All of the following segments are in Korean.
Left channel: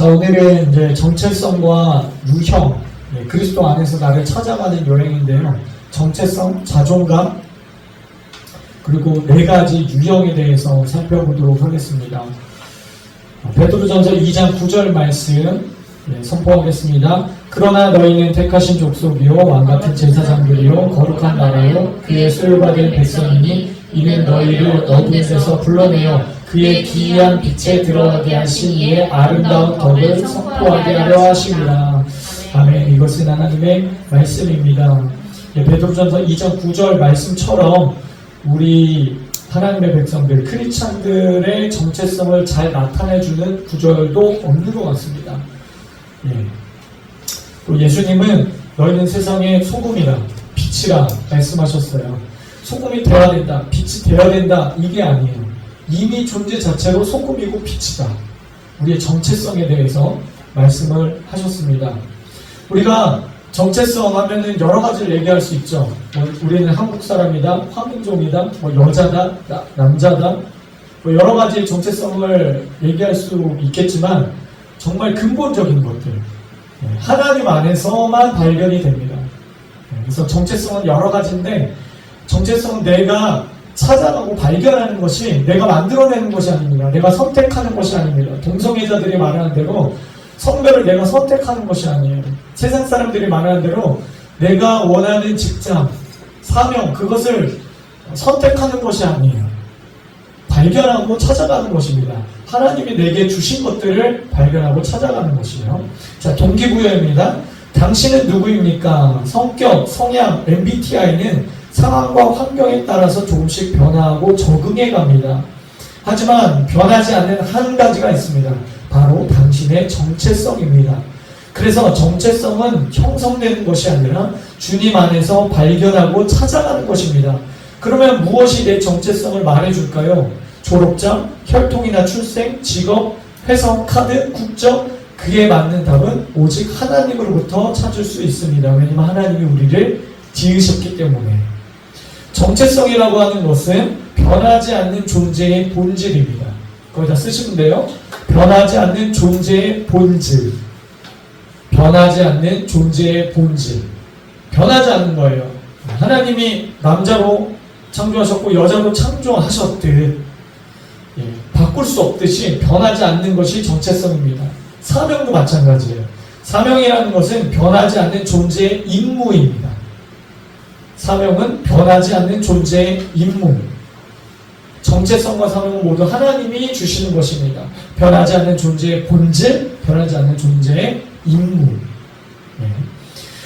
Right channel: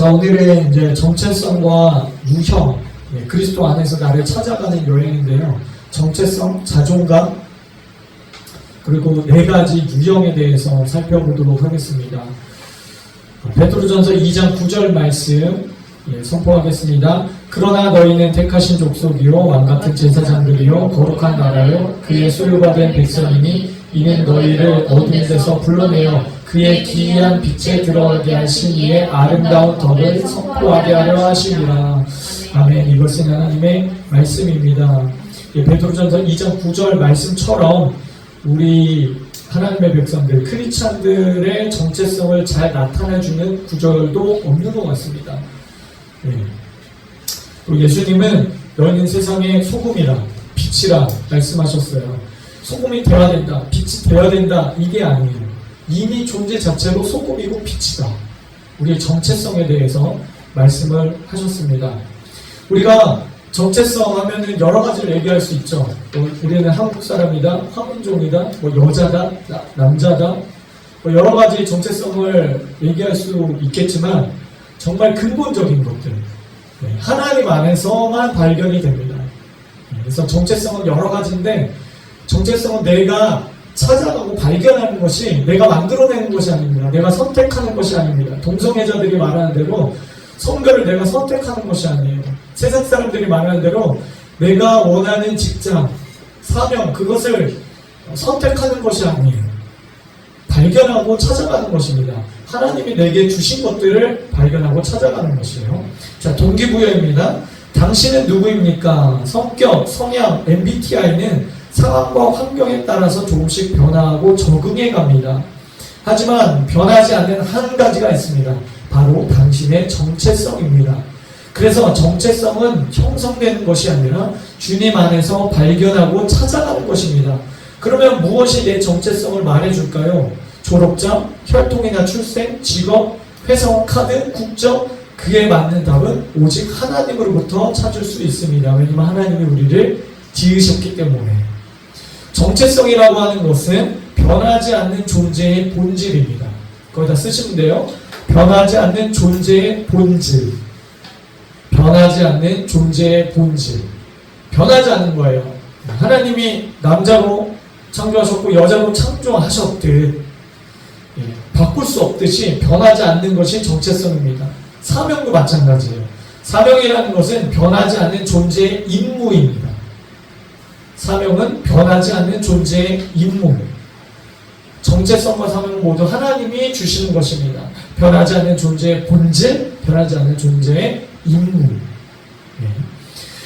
자, 오늘은 이제 정체성과 유형, 그리스도 안에서 나를 찾아가는 여행인데요. 정체성, 자존감, 그리고 네 가지 유형에 대해서 살펴보도록 하겠습니다. 베드로전서 2장 9절 말씀 선포하겠습니다. 그러나 너희는 택하신 족속이요 왕같은 제사장들이요 거룩한 나라요 그의 소유받은 백성이니 이는 너희를 어둠에서 불러내어 그의 기이한 빛에 들어가게 하신 이의 아름다운 덕을 선포하게 하려 하시리라. 아멘. 이것은 하나님의 말씀입니다. 베드로전서 2장 9절 말씀처럼 우리 하나님의 백성들, 크리스찬들의 정체성을 잘 나타내주는 구절도 없는 것 같습니다. 또 예수님은 너희는 세상의 소금이라 빛이라 말씀하셨어요. 소금이 되어야 된다, 빛이 되어야 된다, 이게 아니에요. 이미 존재 자체로 소금이고 빛이다. 우리의 정체성에 대해서 말씀을 하셨습니다. 우리가 정체성 하면은 여러 가지를 얘기할 수 있죠. 우리는 한국 사람이다, 화민족이다, 여자다, 남자다, 여러 가지 정체성을 얘기할 수 있겠지만 정말 근본적인 것들, 하나님 안에서만 발견이 됩니다. 그래서 정체성은 여러 가지인데 정체성은 내가 찾아가고 발견하는 것이 내가 만들어내는 것이 아닙니다. 내가 선택하는 것이 아닙니다. 동성애자들이 말하는 대로 성별을 내가 선택하는 것이 아니에요. 세상 사람들이 말하는 대로 내가 원하는 직장, 사명, 그것을 선택하는 것이 아니에요. 발견하고 찾아가는 것입니다. 하나님이 내게 주신 것들을 발견하고 찾아가는 것이에요. 자, 동기부여입니다. 당신은 누구입니까? 성격, 성향, MBTI는 상황과 환경에 따라서 조금씩 변화하고 적응해 갑니다. 하지만 변하지 않는 한 가지가 있습니다. 바로 당신의 정체성입니다. 그래서 정체성은 형성되는 것이 아니라 주님 안에서 발견하고 찾아가는 것입니다. 그러면 무엇이 내 정체성을 말해줄까요? 졸업장, 혈통이나 출생, 직업, 회사 카드, 국적, 그에 맞는 답은 오직 하나님으로부터 찾을 수 있습니다. 왜냐하면 하나님이 우리를 지으셨기 때문에. 정체성이라고 하는 것은 변하지 않는 존재의 본질입니다. 거기다 쓰시면 돼요. 변하지 않는 존재의 본질. 변하지 않는 존재의 본질. 변하지 않는 거예요. 하나님이 남자로 창조하셨고 여자로 창조하셨듯 바꿀 수 없듯이 변하지 않는 것이 정체성입니다. 사명도 마찬가지예요. 사명이라는 것은 변하지 않는 존재의 임무입니다. 사명은 변하지 않는 존재의 임무. 정체성과 사명은 모두 하나님이 주시는 것입니다. 변하지 않는 존재의 본질, 변하지 않는 존재의 임무.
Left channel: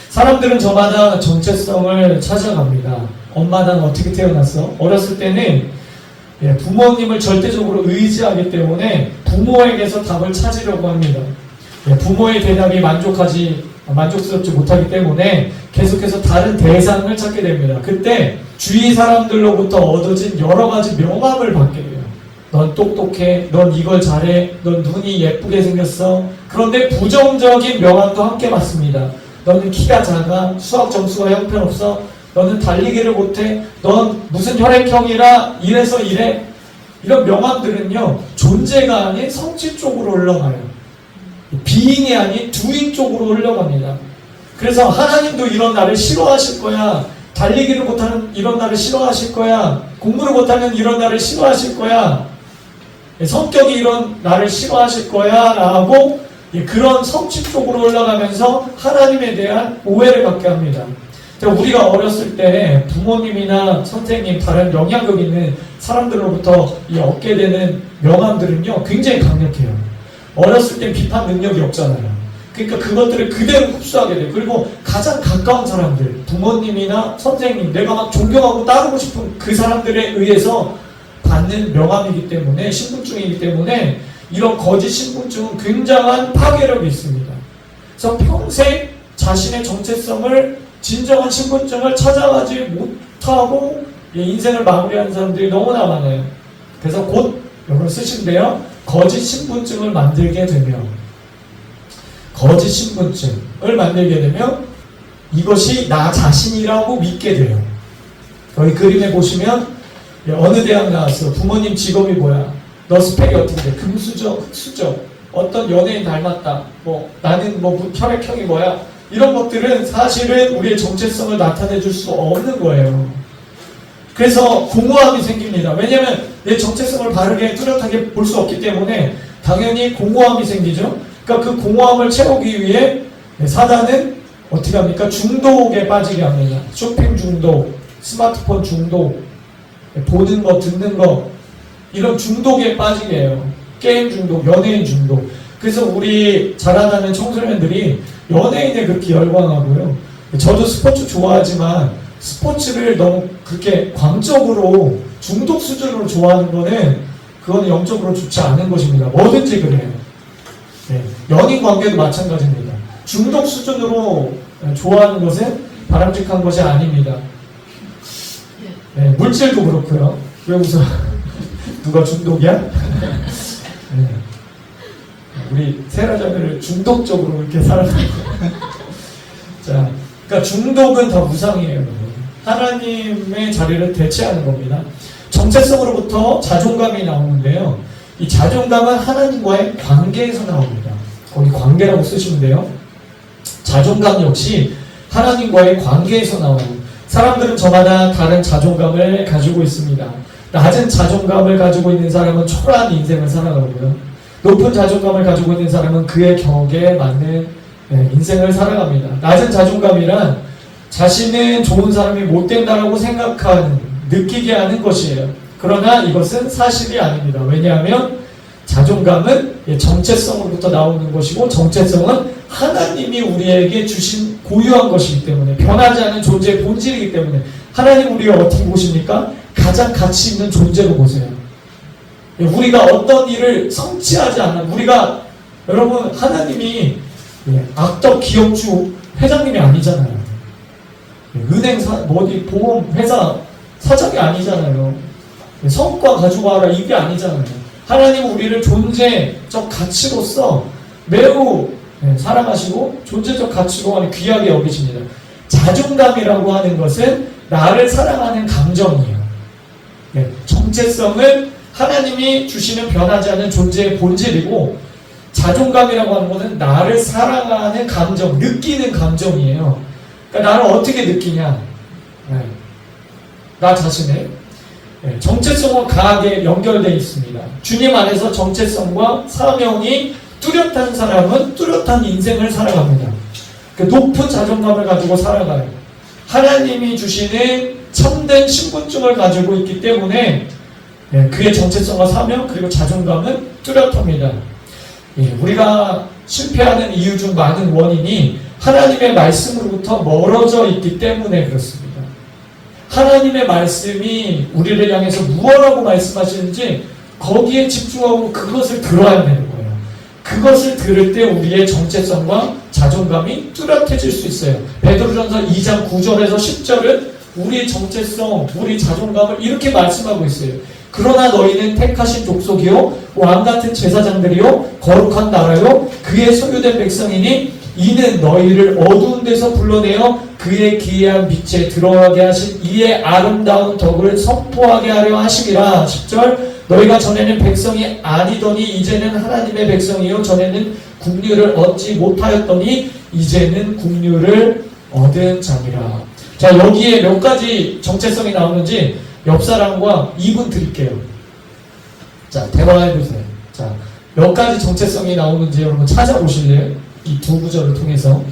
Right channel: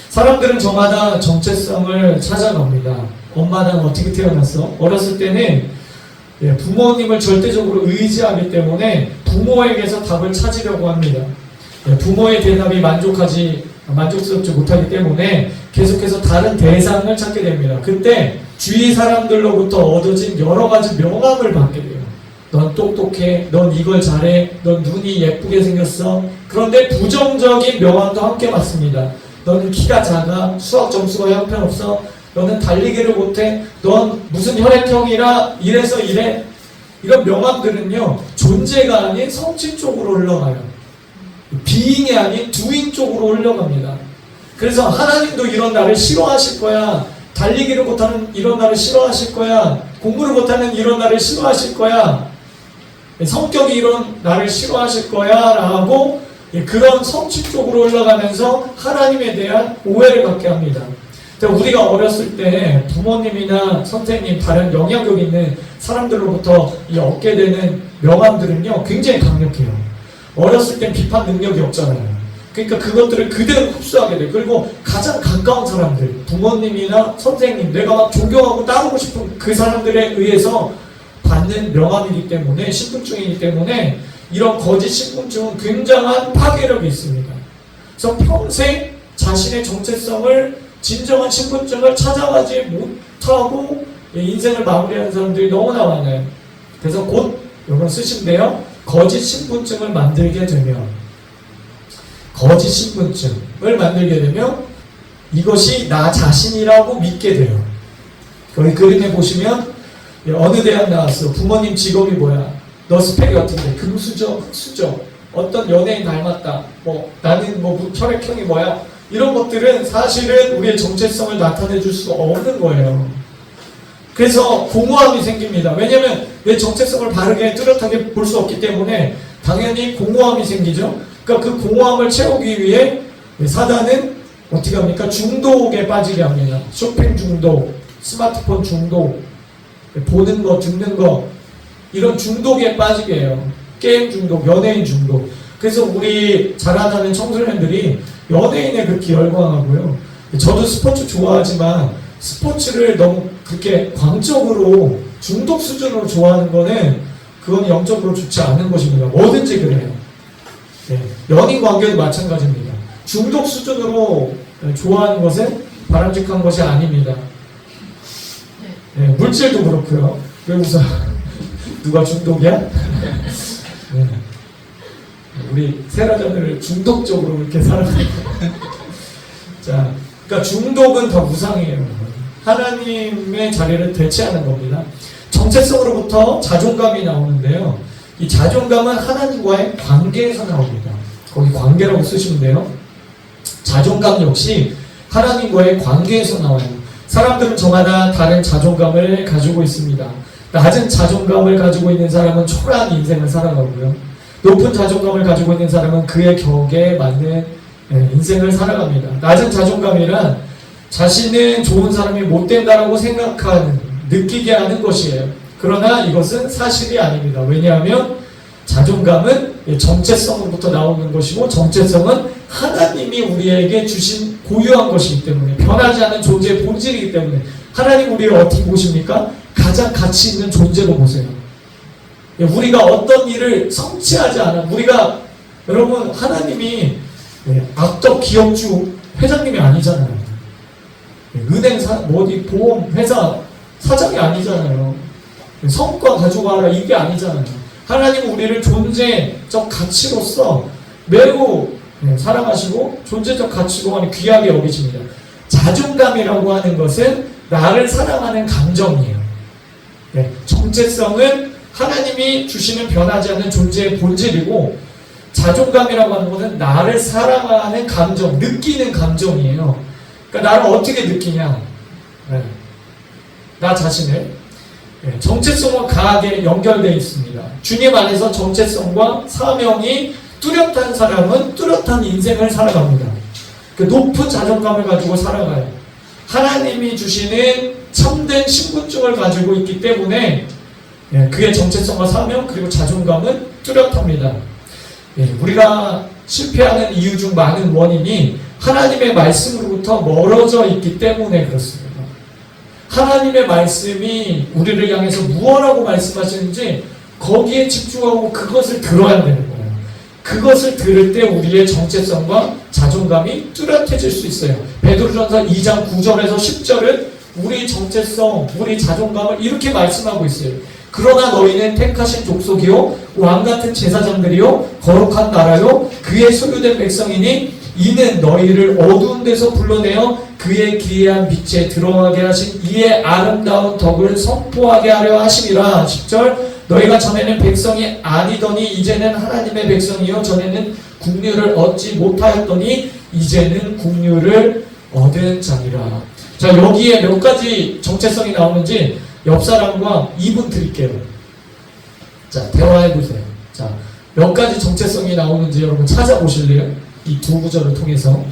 사람들은 저마다 정체성을 찾아갑니다. 엄마는 어떻게 태어났어? 어렸을 때는 부모님을 절대적으로 의지하기 때문에 부모에게서 답을 찾으려고 합니다. 부모의 대답이 만족스럽지 못하기 때문에 계속해서 다른 대상을 찾게 됩니다. 그때 주위 사람들로부터 얻어진 여러 가지 명함을 받게 돼요. 넌 똑똑해, 넌 이걸 잘해, 넌 눈이 예쁘게 생겼어. 그런데 부정적인 명함도 함께 받습니다. 너는 키가 작아, 수학 점수가 형편없어, 너는 달리기를 못해, 넌 무슨 혈액형이라 이래서 이래. 이런 명함들은요, 존재가 아닌 성질 쪽으로 올라가요. 비잉이 아닌 두잉 쪽으로 올라갑니다. 그래서 하나님도 이런 나를 싫어하실 거야, 달리기를 못하는 이런 나를 싫어하실 거야, 공부를 못하는 이런 나를 싫어하실 거야, 성격이 이런 나를 싫어하실 거야 라고 그런 성취 쪽으로 올라가면서 하나님에 대한 오해를 갖게 합니다. 우리가 어렸을 때 부모님이나 선생님, 다른 영향력 있는 사람들로부터 얻게 되는 명함들은요 굉장히 강력해요. 어렸을 때 비판 능력이 없잖아요. 그러니까 그것들을 그대로 흡수하게 돼요. 그리고 가장 가까운 사람들, 부모님이나 선생님, 내가 막 존경하고 따르고 싶은 그 사람들에 의해서 받는 명함이기 때문에, 신분증이기 때문에 이런 거짓 신분증은 굉장한 파괴력이 있습니다. 그래서 평생 자신의 정체성을, 진정한 신분증을 찾아가지 못하고 인생을 마무리하는 사람들이 너무나 많아요. 그래서 곧 여러분 쓰시면 돼요. 거짓 신분증을 만들게 되면, 거짓 신분증을 만들게 되면 이것이 나 자신이라고 믿게 돼요. 여기 그림에 보시면 어느 대학 나왔어? 부모님 직업이 뭐야? 너 스펙이 어떻게 돼? 금수저, 흑수저? 어떤 연예인 닮았다, 뭐 나는 뭐 혈액형이 뭐야, 이런 것들은 사실은 우리의 정체성을 나타내 줄 수 없는 거예요. 그래서 공허함이 생깁니다. 왜냐하면 내 정체성을 바르게 뚜렷하게 볼 수 없기 때문에 당연히 공허함이 생기죠. 그러니까 그 공허함을 채우기 위해 사단은 어떻게 합니까? 중독에 빠지게 합니다. 쇼핑 중독, 스마트폰 중독, 보는 거, 듣는 거, 이런 중독에 빠지게 해요. 게임 중독, 연예인 중독. 그래서 우리 자라나는 청소년들이 연예인에 그렇게 열광하고요. 저도 스포츠 좋아하지만 스포츠를 너무 그렇게 광적으로 중독 수준으로 좋아하는 거는 그건 영적으로 좋지 않은 것입니다. 뭐든지 그래요. 네. 연인 관계도 마찬가지입니다. 중독 수준으로 좋아하는 것은 바람직한 것이 아닙니다. 네. 물질도 그렇고요. 왜 웃어? 누가 중독이야? 네. 우리 세라자매를 중독적으로 이렇게 살아가는 자, 그러니까 중독은 더 무상이에요. 하나님의 자리를 대체하는 겁니다. 정체성으로부터 자존감이 나오는데요. 이 자존감은 하나님과의 관계에서 나옵니다. 거기 관계라고 쓰시면 돼요. 자존감 역시 하나님과의 관계에서 나와요. 사람들은 저마다 다른 자존감을 가지고 있습니다. 낮은 자존감을 가지고 있는 사람은 초라한 인생을 살아가고요. 높은 자존감을 가지고 있는 사람은 그의 격에 맞는 인생을 살아갑니다. 낮은 자존감이란 자신은 좋은 사람이 못 된다라고 생각하는, 느끼게 하는 것이에요. 그러나 이것은 사실이 아닙니다. 왜냐하면 자존감은 정체성으로부터 나오는 것이고, 정체성은 하나님이 우리에게 주신 고유한 것이기 때문에, 변하지 않은 존재의 본질이기 때문에, 하나님 우리를 어떻게 보십니까? 가장 가치 있는 존재로 보세요. 우리가 어떤 일을 성취하지 않아, 우리가, 여러분, 하나님이 악덕 기업주 회장님이 아니잖아요. 은행사, 어디 보험 회사 사장이 아니잖아요. 성과 가지고 와라, 이게 아니잖아요. 하나님은 우리를 존재적 가치로서 매우 사랑하시고 존재적 가치로 귀하게 여기십니다. 자존감이라고 하는 것은 나를 사랑하는 감정이에요. 정체성은 하나님이 주시는 변하지 않는 존재의 본질이고, 자존감이라고 하는 것은 나를 사랑하는 감정, 느끼는 감정이에요. 그러니까 나를 어떻게 느끼냐? 나 자신을. 정체성은 강하게 연결되어 있습니다. 주님 안에서 정체성과 사명이 뚜렷한 사람은 뚜렷한 인생을 살아갑니다. 높은 자존감을 가지고 살아가요. 하나님이 주시는 참된 신분증을 가지고 있기 때문에 그의 정체성과 사명 그리고 자존감은 뚜렷합니다. 우리가 실패하는 이유 중 많은 원인이 하나님의 말씀으로부터 멀어져 있기 때문에 그렇습니다. 하나님의 말씀이 우리를 향해서 무엇라고 말씀하시는지 거기에 집중하고 그것을 들어야 되는 거예요. 그것을 들을 때 우리의 정체성과 자존감이 뚜렷해질 수 있어요. 베드로전서 2장 9절에서 10절은 우리 정체성, 우리 자존감을 이렇게 말씀하고 있어요. 그러나 너희는 택하신 족속이요 왕같은 제사장들이요 거룩한 나라요 그의 소유된 백성이니 이는 너희를 어두운 데서 불러내어 그의 기이한 빛에 들어가게 하신 이의 아름다운 덕을 선포하게 하려 하심이라. 10절 너희가 전에는 백성이 아니더니 이제는 하나님의 백성이요 전에는 국류를 얻지 못하였더니 이제는 국류를 얻은 자니라. 자, 여기에 몇 가지 정체성이 나오는지 옆 사람과 2분 드릴게요. 자, 대화해보세요. 자, 몇 가지 정체성이 나오는지 여러분 찾아보실래요? 이 두 구절을 통해서.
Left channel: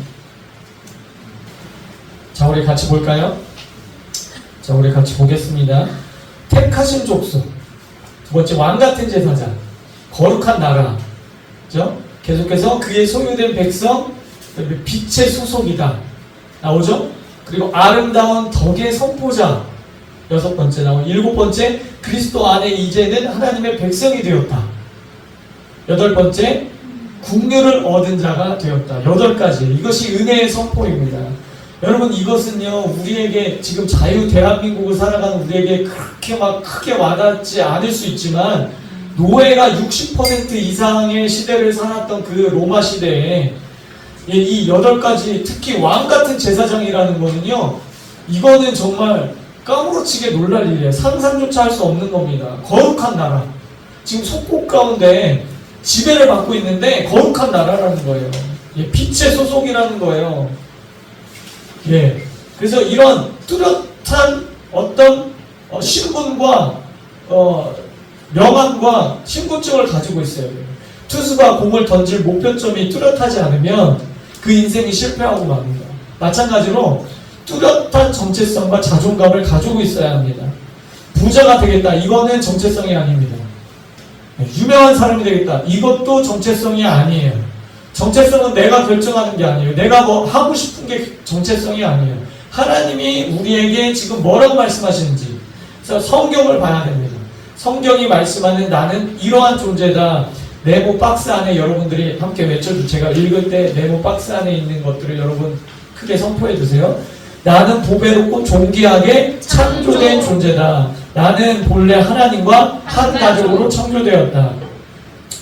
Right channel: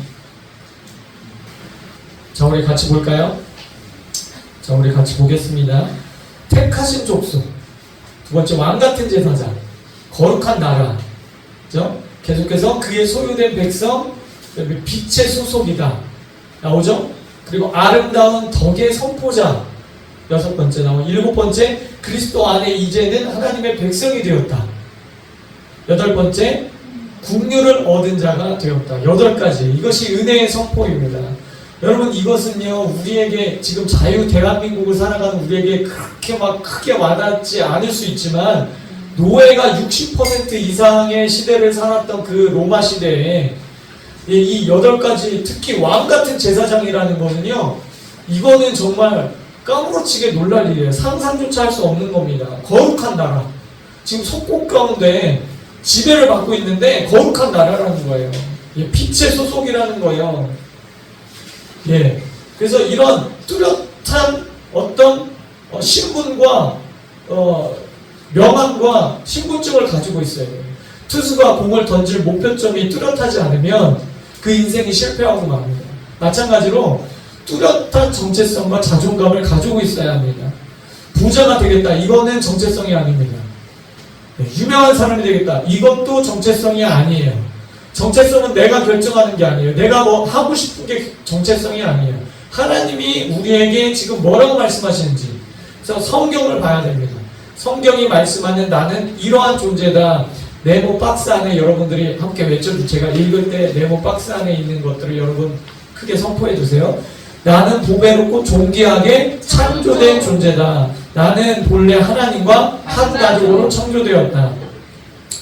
자, 우리 같이 볼까요? 자, 우리 같이 보겠습니다. 택하신 족속. 두 번째, 왕같은 제사장. 거룩한 나라. 그죠? 계속해서 그의 소유된 백성, 빛의 소속이다. 나오죠? 그리고 아름다운 덕의 선포자. 6번째 나와. 7번째, 그리스도 안에 이제는 하나님의 백성이 되었다. 8번째, 국류를 얻은 자가 되었다. 8가지. 이것이 은혜의 선포입니다. 여러분, 이것은요, 우리에게 지금 자유 대한민국을 살아가는 우리에게 그렇게 막 크게 와닿지 않을 수 있지만, 노예가 60% 이상의 시대를 살았던 그 로마 시대에 이 8가지, 특히 왕같은 제사장이라는 거는요, 이거는 정말 까무러치게 놀랄 일이에요. 상상조차 할 수 없는 겁니다. 거룩한 나라. 지금 속국 가운데 지배를 받고 있는데 거룩한 나라라는 거예요. 예, 빛의 소속이라는 거예요. 예, 그래서 이런 뚜렷한 어떤 신분과 명함과 신분증을 가지고 있어야 돼요. 투수가 공을 던질 목표점이 뚜렷하지 않으면 그 인생이 실패하고 맙니다. 마찬가지로 뚜렷한 정체성과 자존감을 가지고 있어야 합니다. 부자가 되겠다. 이거는 정체성이 아닙니다. 유명한 사람이 되겠다. 이것도 정체성이 아니에요. 정체성은 내가 결정하는 게 아니에요. 내가 뭐 하고 싶은 게 정체성이 아니에요. 하나님이 우리에게 지금 뭐라고 말씀하시는지. 그래서 성경을 봐야 됩니다. 성경이 말씀하는 나는 이러한 존재다. 네모 박스 안에 여러분들이 함께 외쳐주세요. 제가 읽을 때 네모 박스 안에 있는 것들을 여러분 크게 선포해 주세요. 나는 보배롭고 존귀하게 창조된 존재다. 나는 본래 하나님과 한 가족으로 창조되었다.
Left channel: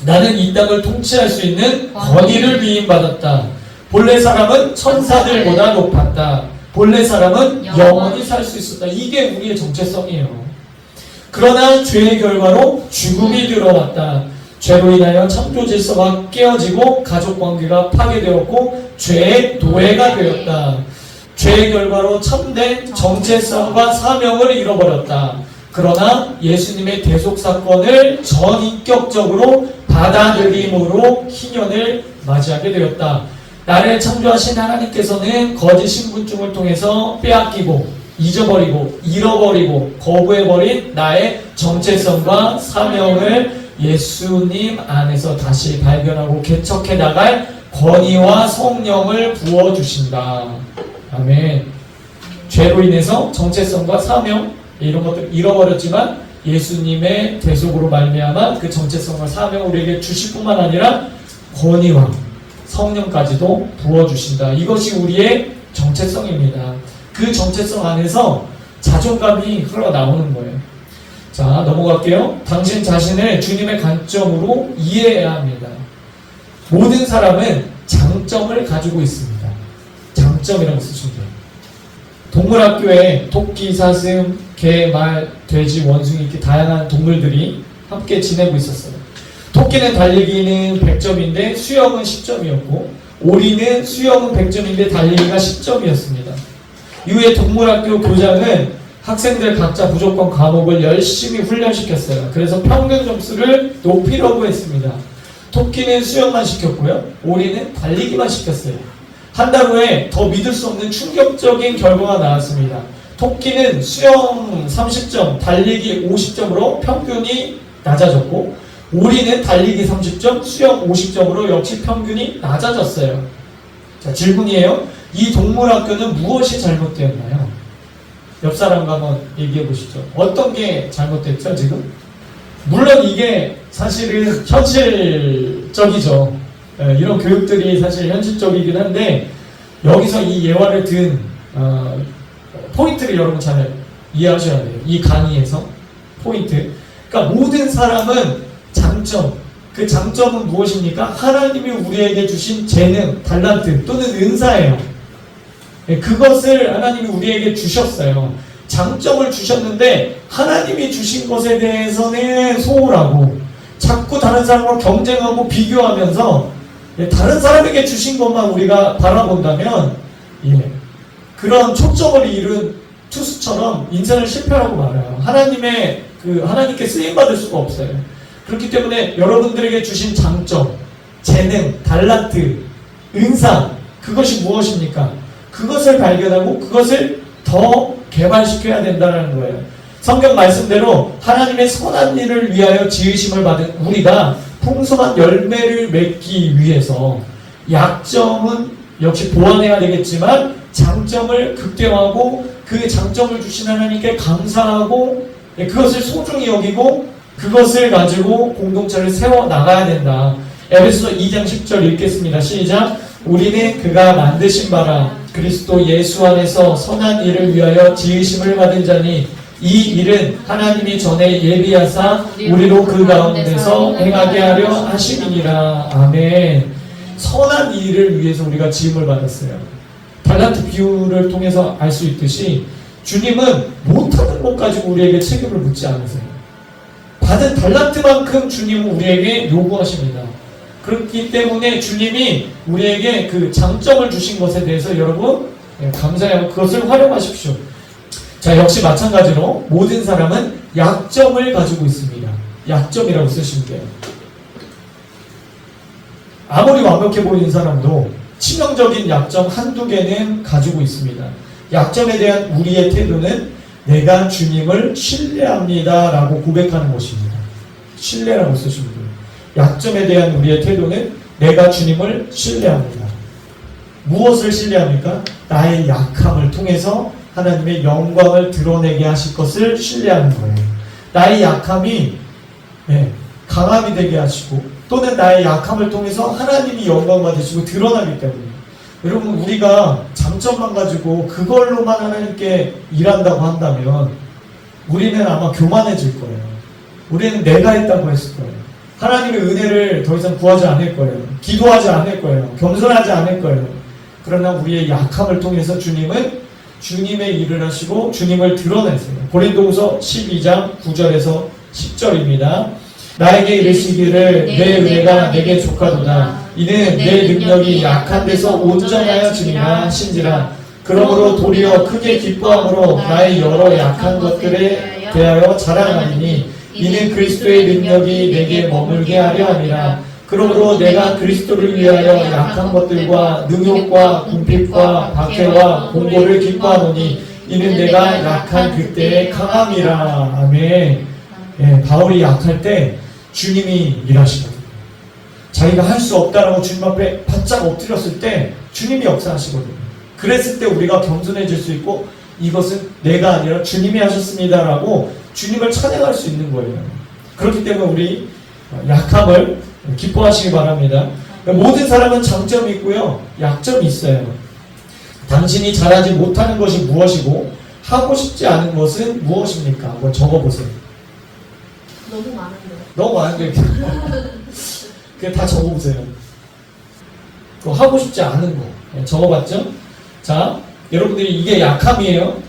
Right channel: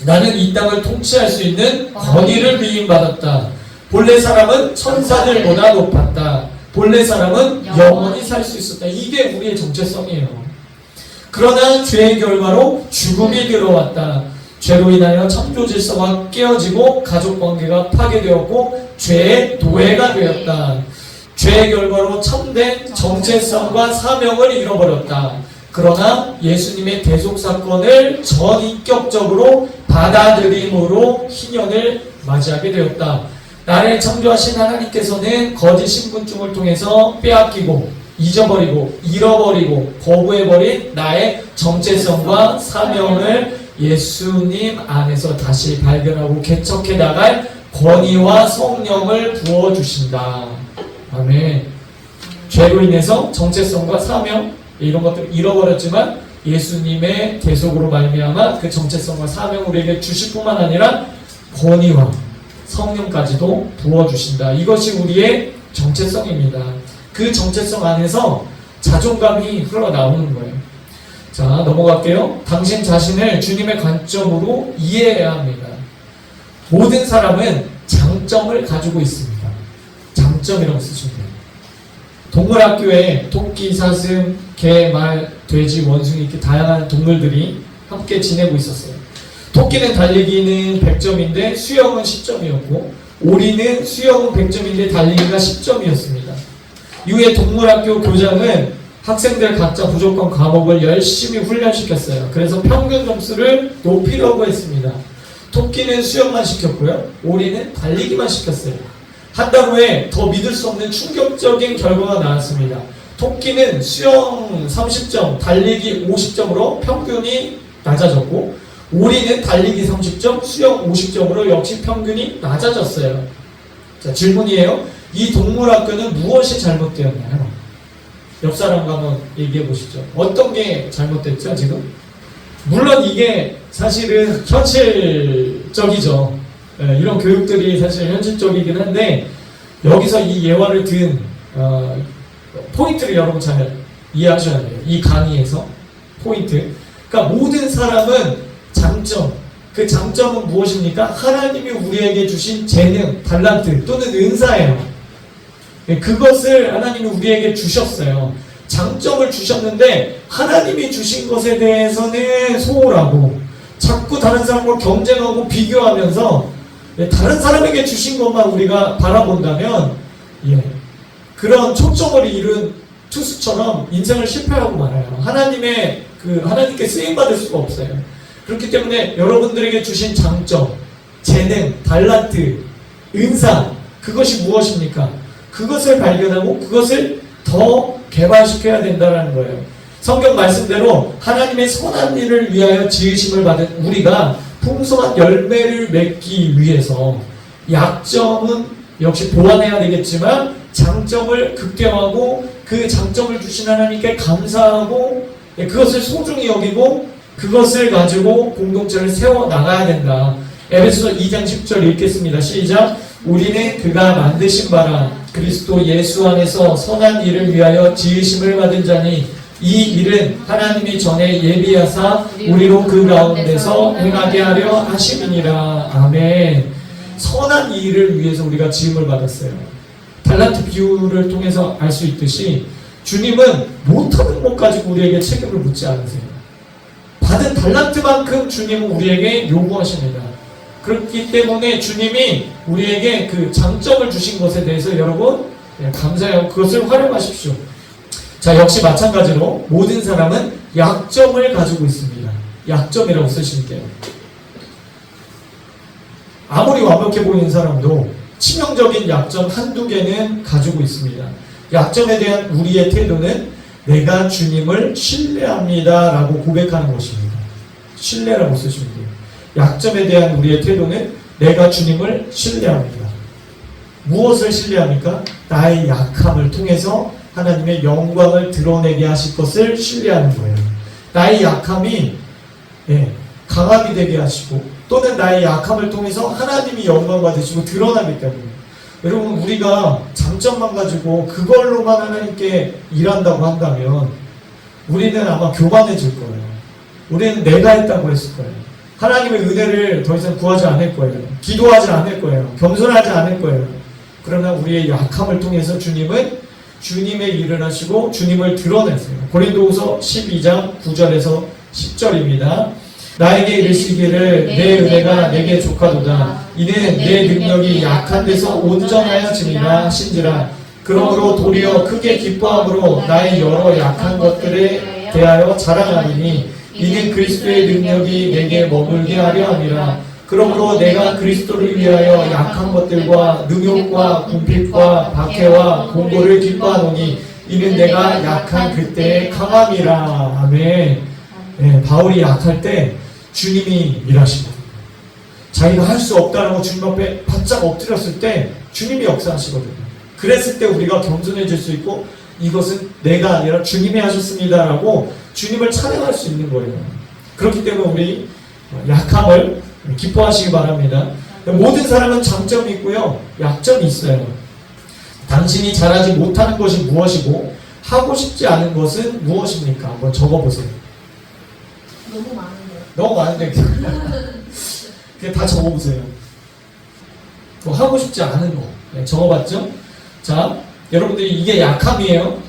나는 이 땅을 통치할 수 있는 권위를 위임받았다. 본래 사람은 천사들보다 높았다. 본래 사람은 영원히 살 수 있었다. 이게 우리의 정체성이에요. 그러나 죄의 결과로 죽음이 들어왔다. 죄로 인하여 창조 질서가 깨어지고 가족관계가 파괴되었고 죄의 노예가 되었다. 죄의 결과로 참된 정체성과 사명을 잃어버렸다. 그러나 예수님의 대속사건을 전인격적으로 받아들임으로 희년을 맞이하게 되었다. 나를 창조하신 하나님께서는 거짓 신분증을 통해서 빼앗기고 잊어버리고 잃어버리고 거부해버린 나의 정체성과 사명을 예수님 안에서 다시 발견하고 개척해 나갈 권위와 성령을 부어주신다. 아멘. 죄로 인해서 정체성과 사명 이런 것들 잃어버렸지만 예수님의 대속으로 말미암아 그 정체성과 사명을 우리에게 주실 뿐만 아니라 권위와 성령까지도 부어주신다. 이것이 우리의 정체성입니다. 그 정체성 안에서 자존감이 흘러나오는 거예요. 자, 넘어갈게요. 당신 자신을 주님의 관점으로 이해해야 합니다. 모든 사람은 장점을 가지고 있습니다. 장점이라고 쓰시면 돼요. 동물학교에 토끼, 사슴, 개, 말, 돼지, 원숭이 이렇게 다양한 동물들이 함께 지내고 있었어요. 토끼는 달리기는 100점인데 수영은 10점이었고 오리는 수영은 100점인데 달리기가 10점이었습니다. 이후에 동물학교 교장은 학생들 각자 부족한 과목을 열심히 훈련시켰어요. 그래서 평균 점수를 높이려고 했습니다. 토끼는 수영만 시켰고요. 오리는 달리기만 시켰어요. 한 달 후에 더 믿을 수 없는 충격적인 결과가 나왔습니다. 토끼는 수영 30점, 달리기 50점으로 평균이 낮아졌고 오리는 달리기 30점, 수영 50점으로 역시 평균이 낮아졌어요. 자, 질문이에요. 이 동물학교는 무엇이 잘못되었나요? 옆 사람과 한번 얘기해 보시죠. 어떤 게 잘못됐죠, 지금? 물론 이게 사실은 현실적이죠. 이런 교육들이 사실 현실적이긴 한데 여기서 이 예화를 든 포인트를 여러분 잘 이해하셔야 돼요. 이 강의에서 포인트. 그러니까 모든 사람은 장점, 그 장점은 무엇입니까? 하나님이 우리에게 주신 재능, 달란트 또는 은사예요. 그것을 하나님이 우리에게 주셨어요. 장점을 주셨는데 하나님이 주신 것에 대해서는 소홀하고 자꾸 다른 사람과 경쟁하고 비교하면서 다른 사람에게 주신 것만 우리가 바라본다면 그런 초점을 잃은 투수처럼 인생을 실패하고 말아요. 하나님께 쓰임받을 수가 없어요. 그렇기 때문에 여러분들에게 주신 장점, 재능, 달란트, 은사 그것이 무엇입니까? 그것을 발견하고 그것을 더 개발시켜야 된다는 거예요. 성경 말씀대로 하나님의 선한 일을 위하여 지으심을 받은 우리가 풍성한 열매를 맺기 위해서 약점은 역시 보완해야 되겠지만 장점을 극대화하고 그 장점을 주신 하나님께 감사하고 그것을 소중히 여기고 그것을 가지고 공동체를 세워나가야 된다. 에베소서 2장 10절 읽겠습니다. 시작. 우리는 그가 만드신 바라 그리스도 예수 안에서 선한 일을 위하여 지으심을 받은 자니 이 일은 하나님이 전에 예비하사 우리로 그 가운데서 행하게 하려 하심이니라. 아멘. 선한 일을 위해서 우리가 지음을 받았어요. 달란트 비유를 통해서 알 수 있듯이 주님은 못하는 것 가지고 우리에게 책임을 묻지 않으세요. 받은 달란트만큼 주님은 우리에게 요구하십니다. 그렇기 때문에 주님이 우리에게 그 장점을 주신 것에 대해서 여러분 감사해요. 그것을 활용하십시오. 자, 역시 마찬가지로 모든 사람은 약점을 가지고 있습니다. 약점이라고 쓰시면 돼요. 아무리 완벽해 보이는 사람도 치명적인 약점 한두 개는 가지고 있습니다. 약점에 대한 우리의 태도는 내가 주님을 신뢰합니다 라고 고백하는 것입니다. 신뢰라고 쓰시면 돼요. 약점에 대한 우리의 태도는 내가 주님을 신뢰합니다. 무엇을 신뢰합니까? 나의 약함을 통해서 하나님의 영광을 드러내게 하실 것을 신뢰하는 거예요. 나의 약함이 강함이 되게 하시고 또는 나의 약함을 통해서 하나님이 영광 받으시고 드러나기 때문에 여러분 우리가 장점만 가지고 그걸로만 하나님께 일한다고 한다면 우리는 아마 교만해질 거예요. 우리는 내가 했다고 했을 거예요. 하나님의 은혜를 더 이상 구하지 않을 거예요. 기도하지 않을 거예요. 겸손하지 않을 거예요. 그러나 우리의 약함을 통해서 주님은 주님의 일을 하시고 주님을 드러내세요. 고린도후서 12장 9절에서 10절입니다. 나에게 이르시기를 내 은혜가 내게 족하도다. 이는 내 능력이 약한 데서 온전하여 지니라 하신지라. 그러므로 도리어 크게 기뻐함으로 나의 여러 약한 것들에 대하여 자랑하리니 이는 그리스도의 능력이 내게 머물게 하려 함이라. 그러므로 내가 그리스도를 위하여 약한 것들과 능욕과 궁핍과 박해와 공고를 기뻐하노니 이는 내가 약한 그때의 강함이라. 아멘. 바울이 약할 때 주님이 일하시거든요. 자기가 할 수 없다라고 주님 앞에 바짝 엎드렸을 때 주님이 역사하시거든요. 그랬을 때 우리가 겸손해질 수 있고 이것은 내가 아니라 주님이 하셨습니다라고 주님을 찬양할 수 있는 거예요. 그렇기 때문에 우리 약함을 기뻐하시기 바랍니다. 모든 사람은 장점이 있고요. 약점이 있어요. 당신이 잘하지 못하는 것이 무엇이고 하고 싶지 않은 것은 무엇입니까? 한번 적어보세요. 너무 많은데요. 너무 많은데 그냥 다 적어보세요. 하고 싶지 않은 거 적어봤죠? 자, 여러분들이 이게 약함이에요.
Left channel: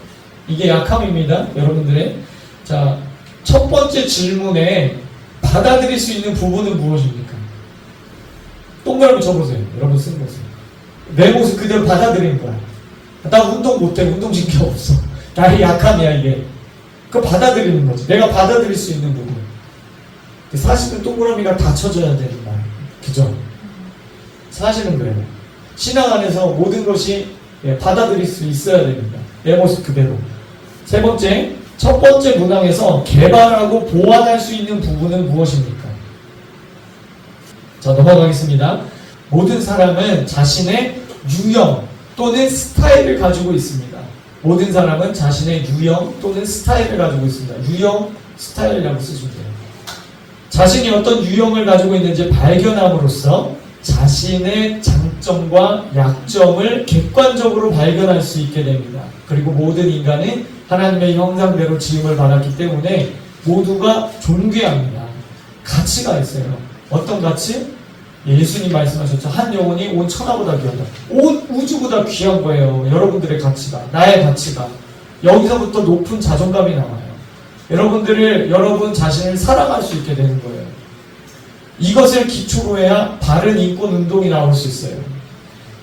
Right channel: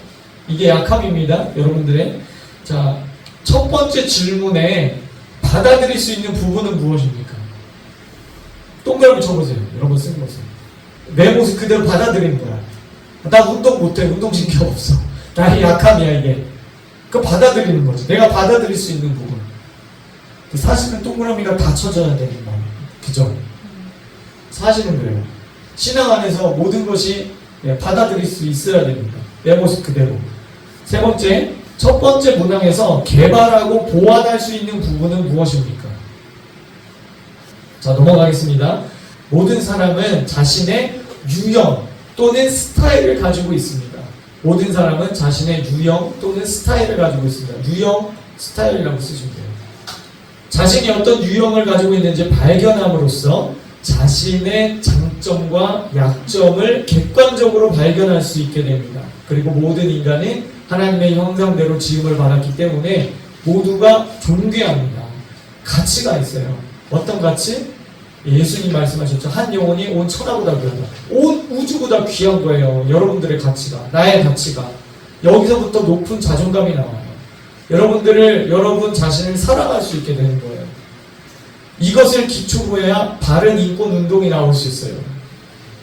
이게 약함입니다. 여러분들의 자, 첫 번째 질문에 받아들일 수 있는 부분은 무엇입니까? 동그라미 쳐보세요. 여러분 쓴 것을. 내 모습 그대로 받아들이는 거야. 나 운동 못해. 운동신경 없어. 나의 약함이야 이게. 그거 받아들이는 거지. 내가 받아들일 수 있는 부분. 사실은 동그라미가 다 쳐져야 되는 거야. 그죠? 사실은 그래요. 신앙 안에서 모든 것이 받아들일 수 있어야 됩니다. 내 모습 그대로. 세 번째, 첫 번째 문항에서 개발하고 보완할 수 있는 부분은 무엇입니까? 자, 넘어가겠습니다. 모든 사람은 자신의 유형 또는 스타일을 가지고 있습니다. 모든 사람은 자신의 유형 또는 스타일을 가지고 있습니다. 유형, 스타일이라고 쓰시면 돼요. 자신이 어떤 유형을 가지고 있는지 발견함으로써 자신의 장점과 약점을 객관적으로 발견할 수 있게 됩니다. 그리고 모든 인간은 하나님의 형상대로 지음을 받았기 때문에 모두가 존귀합니다. 가치가 있어요. 어떤 가치? 예수님 말씀하셨죠. 한 영혼이 온 천하보다 귀하다. 온 우주보다 귀한 거예요. 여러분들의 가치가. 나의 가치가. 여기서부터 높은 자존감이 나와요. 여러분 자신을 사랑할 수 있게 되는 거예요. 이것을 기초로 해야 바른 인권운동이 나올 수 있어요.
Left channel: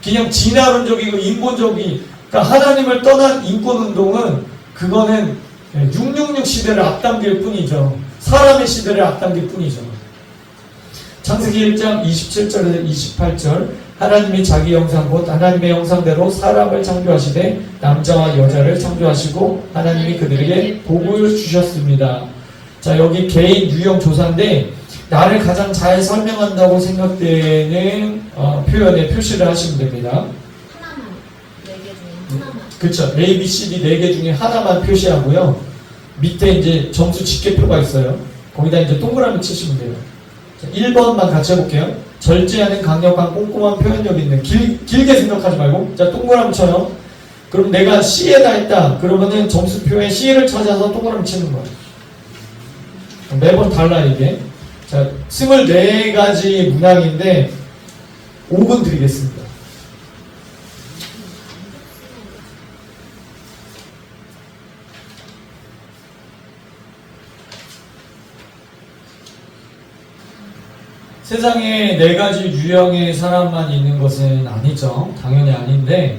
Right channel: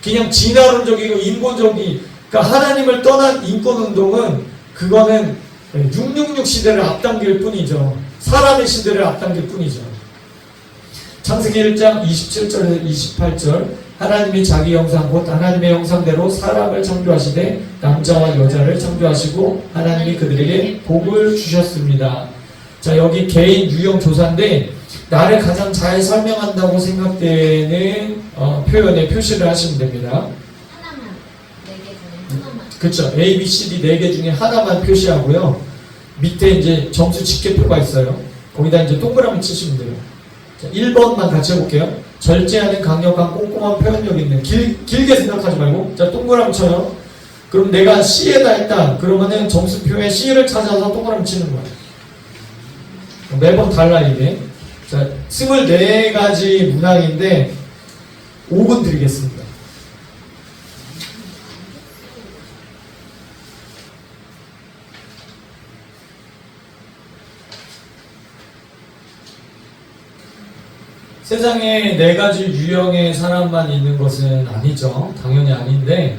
그냥 진화론적이고 인본적이, 그러니까 하나님을 떠난 인권운동은 그거는 666 시대를 앞당길 뿐이죠. 사람의 시대를 앞당길 뿐이죠. 창세기 1장 27절에서 28절 하나님이 자기 형상 곧 하나님의 형상대로 사람을 창조하시되 남자와 여자를 창조하시고 하나님이 그들에게 복을 주셨습니다. 자, 여기 개인 유형 조사인데 나를 가장 잘 설명한다고 생각되는 표현에 표시를 하시면 됩니다. 하나만, 4개 중에 하나만. 그렇죠. A, B, C, D 4개 중에 하나만 표시하고요. 밑에 이제 점수 집계표가 있어요. 거기다 이제 동그라미 치시면 돼요. 자, 1번만 같이 해볼게요. 절제하는 강력한 꼼꼼한 표현력 있는 길게 생각하지 말고 자 동그라미 쳐요. 그럼 내가 C에다 했다. 그러면은 점수표에 C를 찾아서 동그라미 치는 거예요. 매번 달라 이게. 자, 24가지 문항인데 5분 드리겠습니다. 세상에 네 가지 유형의 사람만 있는 것은 아니죠. 당연히 아닌데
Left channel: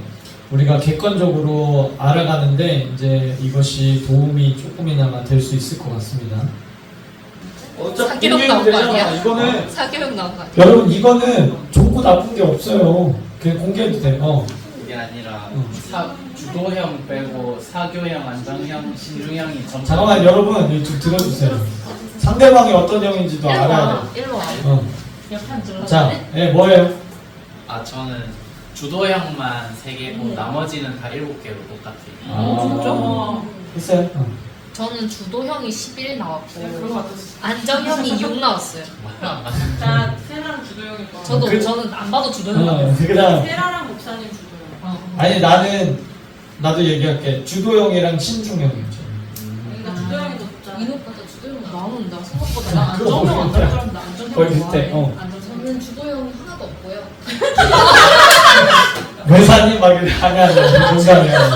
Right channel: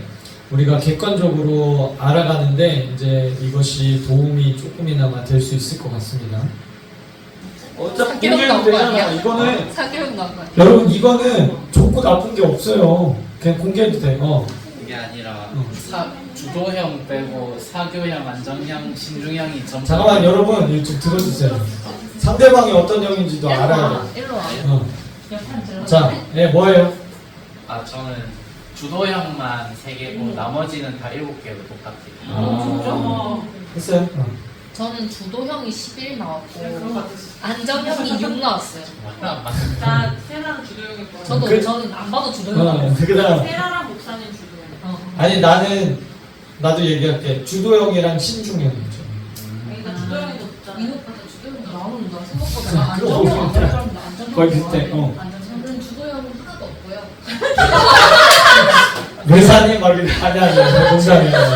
우리가 객관적으로 알아가는데 이제 이것이 도움이 조금이나마 될 수 있을 것 같습니다. 어차피 사기력 나온 거 되잖아. 아니야? 이거는 사기력 나온 거 아니야? 여러분 이거는 좋고 나쁜 게 없어요. 그냥 공개해도 돼. 그게 아니라 어. 주도형 빼고 사교형, 안정형, 신중형이 전. 잠깐만 여러분 이거 좀 들어주세요. 상대방이 어떤 형인지도 알아야 돼. 일로 와. 옆판 질러. 자, 뭐예요? 저는 주도형만 3개고 나머지는 다 7개로 똑같아요. 아, 했어요? 저는 주도형이 11 나왔고 그런 거 같았어. 안정형이 6 나왔어요. 나 세라랑 주도형일 거. 저도 그- 저는 안 봐도 주도형. 그다음 세라랑 목사님 주도형. 아니 나도 얘기할게. 주도형이랑 신중형이죠. 그러니까 주도형이 더 높잖아. 이노보다 주도형 나오는데 생각보다 그거 안정형 모르겠다. 안정형 거의 비슷해. 저는 주도형 하나도 없고요. 회사님 막 이렇게 아니야 농담이야.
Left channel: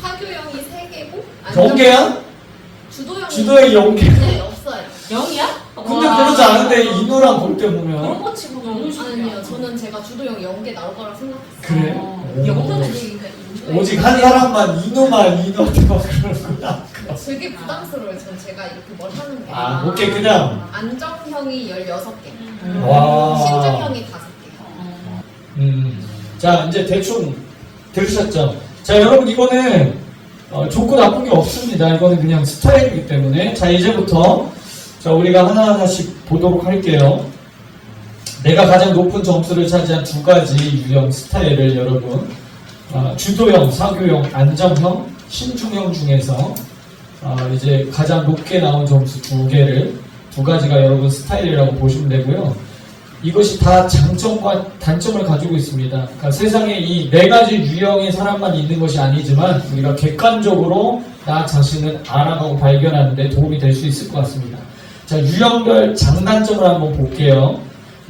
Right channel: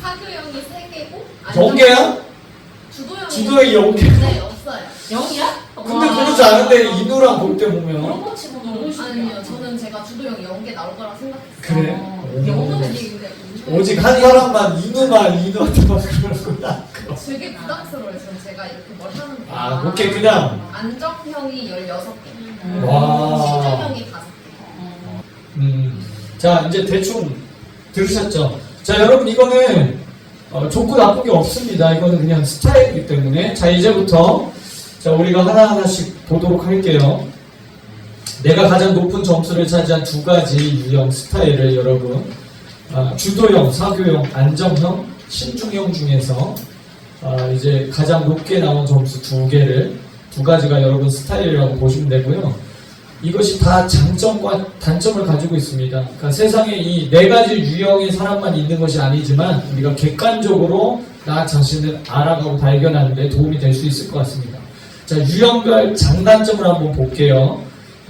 사교형이 3개고 연계야? 주도형이 주도형이 연계. 네, 없어요. 0이야? 근데 그러지 않은데 인우랑 볼 때 그런 보면 거 치고 너무 아니요, 저는 제가 주도형 연계 나올 거라고 생각했어요. 그래. 영어는 오직 한 사람만 인우한테 막 그러는구나. 되게 부담스러워요. 저는 제가 이렇게 뭘 하는 게. 아, 오케이 그냥. 안정형이 16개, 와. 신중형이 5개. 자 이제 대충 들으셨죠? 자 여러분 이거는 좋고 나쁜 게 없습니다. 이거는 그냥 스타일이기 때문에 자 이제부터 자 우리가 하나하나씩 보도록 할게요. 내가 가장 높은 점수를 차지한 2가지 유형 스타일을 여러분 주도형, 사교형, 안정형, 신중형 중에서 이제 가장 높게 나온 점수 2개를 2가지가 여러분 스타일이라고 보시면 되고요. 이것이 다 장점과 단점을 가지고 있습니다. 그러니까 세상에 이 4가지 유형의 사람만 있는 것이 아니지만 우리가 객관적으로 나 자신을 알아가고 발견하는 데 도움이 될 수 있을 것 같습니다. 자, 유형별 장단점을 한번 볼게요.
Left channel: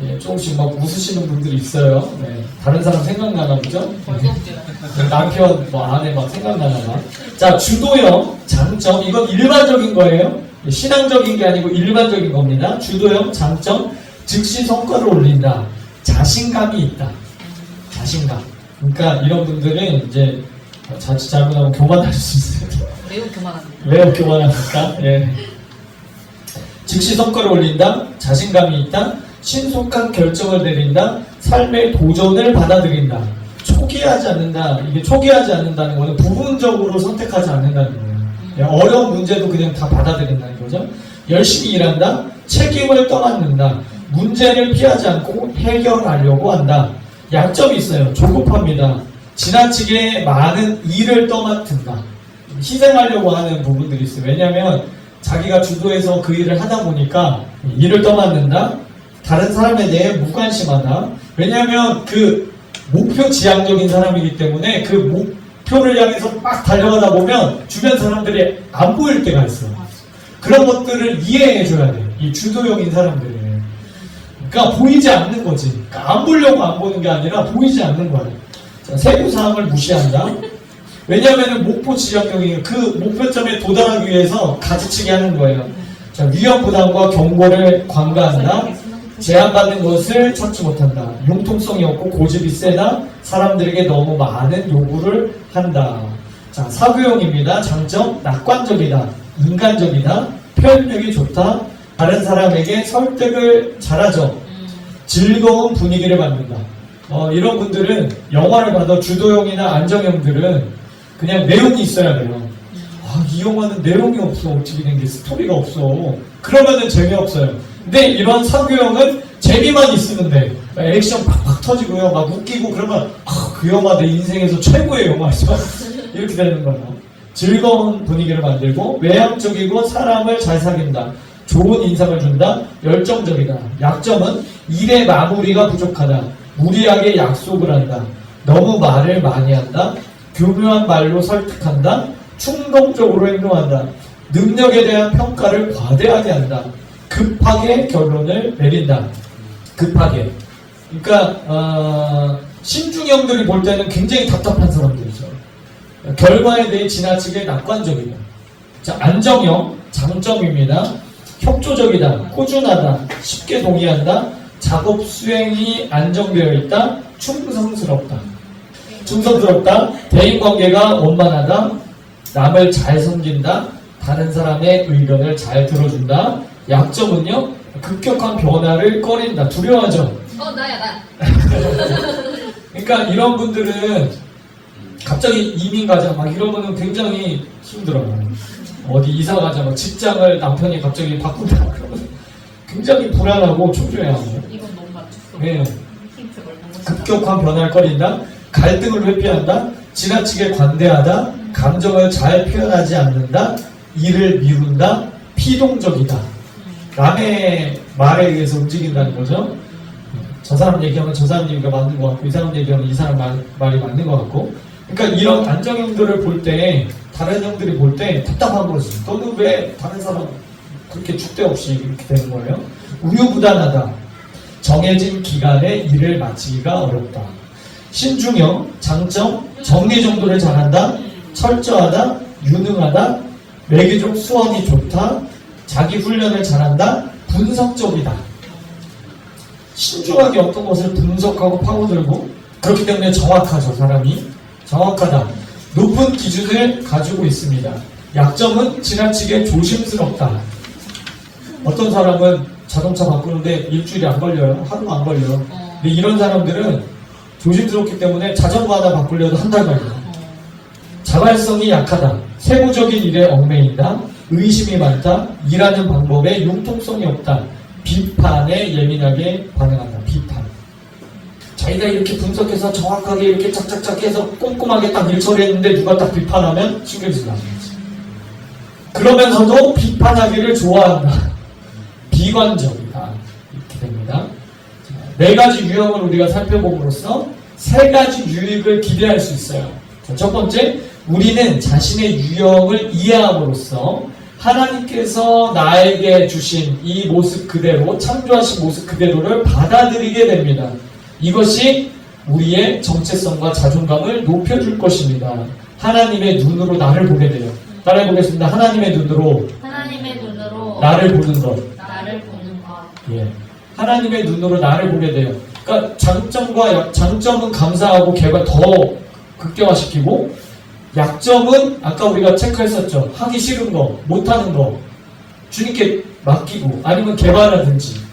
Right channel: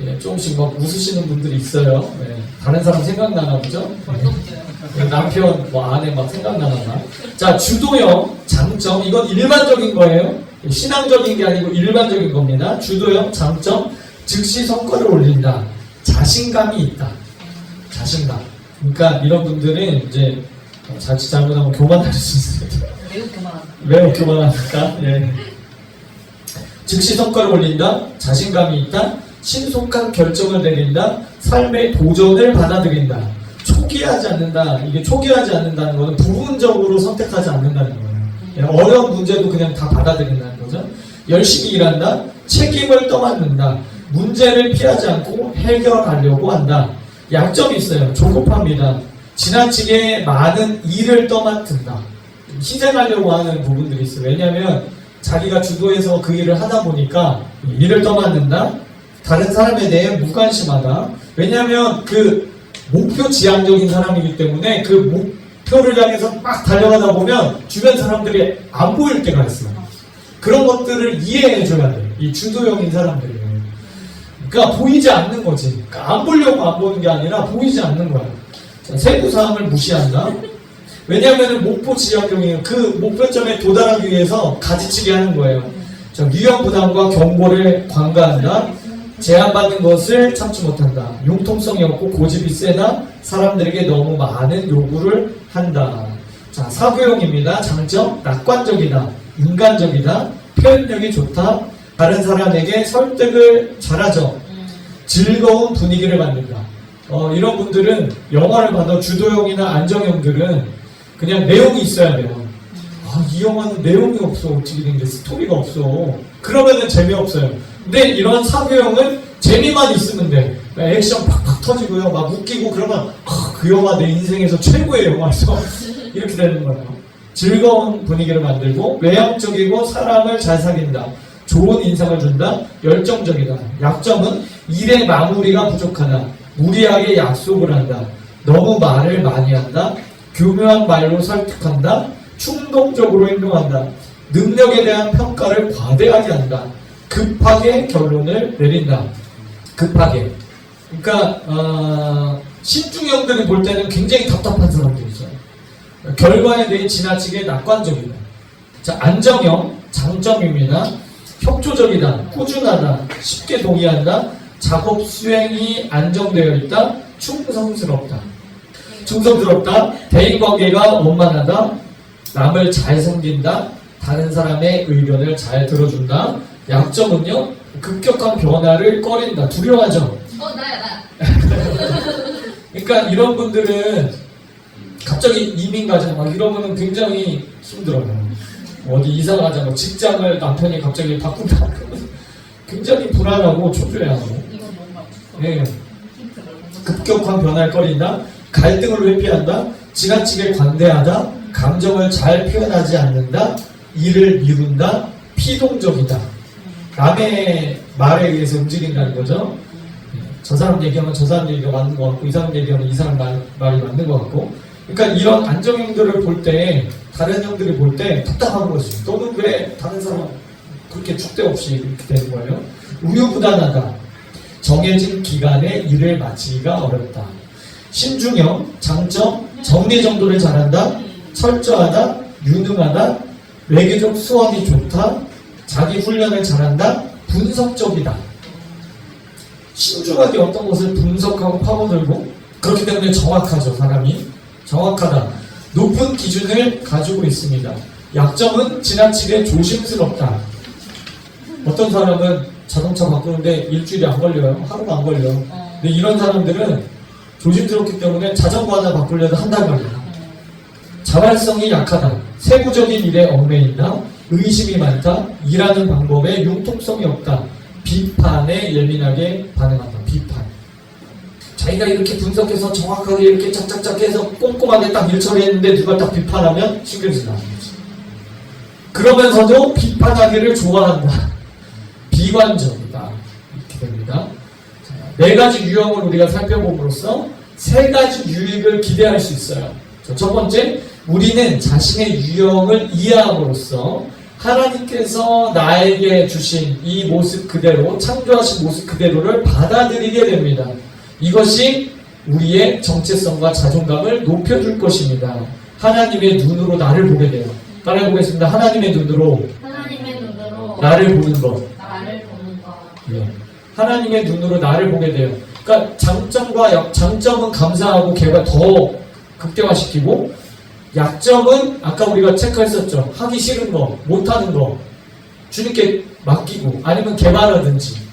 예, 조금씩 막 웃으시는 분들이 있어요. 네, 다른 사람 생각나나 보죠? 남편, 아내 막 생각나나 봐. 자, 주도형 장점. 이건 일반적인 거예요. 신앙적인 게 아니고 일반적인 겁니다. 주도형 장점. 즉시 성과를 올린다. 자신감이 있다. 자신감. 그러니까 이런 분들은 이제 자칫 잘못하면 교만할 수 있어요. 매우 교만합니다. 왜 교만합니까? 예. 즉시 성과를 올린다. 자신감이 있다. 신속한 결정을 내린다. 삶의 도전을 받아들인다. 초기하지 않는다. 이게 초기하지 않는다는 거는 부분적으로 선택하지 않는다는 거예요. 예, 어려운 문제도 그냥 다 받아들인다는 거죠. 열심히 일한다. 책임을 떠맡는다. 문제를 피하지 않고 해결하려고 한다. 약점이 있어요. 조급합니다. 지나치게 많은 일을 떠맡은다. 희생하려고 하는 부분들이 있어요. 왜냐하면 자기가 주도해서 그 일을 하다 보니까 일을 떠맡는다. 다른 사람에 대해 무관심하다. 왜냐하면 그 목표 지향적인 사람이기 때문에 그 목표를 향해서 막 달려가다 보면 주변 사람들이 안 보일 때가 있어요. 그런 것들을 이해해줘야 돼. 이 주도형인 사람들이. 그러니까 보이지 않는 거지. 그러니까 안 보려고 안 보는 게 아니라 보이지 않는 거야. 자, 세부 사항을 무시한다. 왜냐하면 목표 지향적인 그 목표점에 도달하기 위해서 가지치기 하는 거예요. 자, 위험 부담과 경고를 관가한다. 제한받는 것을 참지 못한다. 융통성이 없고 고집이 세다. 사람들에게 너무 많은 요구를 한다. 자, 사교형입니다. 장점, 낙관적이다. 인간적이다. 표현력이 좋다. 다른 사람에게 설득을 잘하죠. 즐거운 분위기를 만든다. 이런 분들은 영화를 봐도 주도형이나 안정형들은 그냥 내용이 있어야 돼요. 이 영화는 내용이 없어. 어떻게 된 게 스토리가 없어. 그러면은 재미없어요. 근데 이런 사교형은 재미만 있으면 돼. 액션 팍팍 터지고요. 막 웃기고 그러면 그 영화 내 인생에서 최고의 영화죠. 이렇게 되는 거예요. 즐거운 분위기를 만들고 외향적이고 사람을 잘 사귄다. 좋은 인상을 준다. 열정적이다. 약점은 일의 마무리가 부족하다. 무리하게 약속을 한다. 너무 말을 많이 한다. 교묘한 말로 설득한다. 충동적으로 행동한다. 능력에 대한 평가를 과대하게 한다. 급하게 결론을 내린다. 급하게. 그러니까 신중형들이 볼 때는 굉장히 답답한 사람들이죠. 결과에 대해 지나치게 낙관적이다. 자, 안정형 장점입니다. 협조적이다, 꾸준하다, 쉽게 동의한다, 작업 수행이 안정되어 있다, 충성스럽다. 충성스럽다, 대인관계가 원만하다, 남을 잘 섬긴다, 다른 사람의 의견을 잘 들어준다. 약점은요, 급격한 변화를 꺼낸다. 두려워하죠. 나야. 그러니까 이런 분들은 갑자기 이민 가자 막 이러면은 굉장히 힘들어요. 어디 이사 가자 막 직장을 남편이 갑자기 바꾼다 그러면 굉장히 불안하고 초조해하고. 이거 너무 맞췄어. 네. 힌트 뭘 급격한 변화를 꺼린다, 갈등을 회피한다, 지나치게 관대하다, 감정을 잘 표현하지 않는다, 일을 미룬다, 피동적이다. 남의 말에 의해서 움직인다는 거죠. 저 사람 얘기하면 저 사람 얘기가 맞는 것 같고, 이 사람 얘기하면 이 사람 말이 맞는 것 같고. 그러니까 이런 안정형들을 볼 때, 다른 형들이 볼 때 답답한 거지. 너는 왜 다른 사람 그렇게 줏대 없이 이렇게 되는 거예요? 우유부단하다, 정해진 기간에 일을 마치기가 어렵다. 신중형, 장점, 정리정돈을 잘한다, 철저하다, 유능하다, 외교적 수완이 좋다, 자기 훈련을 잘한다, 분석적이다. 신중하게 어떤 것을 분석하고 파고들고, 그렇기 때문에 정확하죠. 사람이 정확하다. 높은 기준을 가지고 있습니다. 약점은 지나치게 조심스럽다. 어떤 사람은 자동차 바꾸는데 일주일이 안 걸려요. 하루도 안 걸려요. 근데 이런 사람들은 조심스럽기 때문에 자전거 하나 바꾸려도 한 달 걸려요. 자발성이 약하다. 세부적인 일에 얽매인다. 의심이 많다. 일하는 방법에 융통성이 없다. 비판에 예민하게 반응한다. 비판. 자기가 이렇게 분석해서 정확하게 이렇게 짝짝짝 해서 꼼꼼하게 딱 일 처리했는데 누가 딱 비판하면 신경이 나는 거지. 그러면서도 비판하기를 좋아한다. 비관적이다. 이렇게 됩니다. 자, 4가지 유형을 우리가 살펴봄으로써 3가지 유익을 기대할 수 있어요. 자, 첫 번째, 우리는 자신의 유형을 이해함으로써 하나님께서 나에게 주신 이 모습 그대로, 창조하신 모습 그대로를 받아들이게 됩니다. 이것이 우리의 정체성과 자존감을 높여줄 것입니다. 하나님의 눈으로 나를 보게 돼요. 따라해보겠습니다. 하나님의 눈으로 나를 보는 것. 예. 하나님의 눈으로 나를 보게 돼요. 그러니까 장점은 감사하고 개발 더 극대화시키고, 약점은 아까 우리가 체크했었죠. 하기 싫은 거, 못하는 거, 주님께 맡기고, 아니면 개발하든지.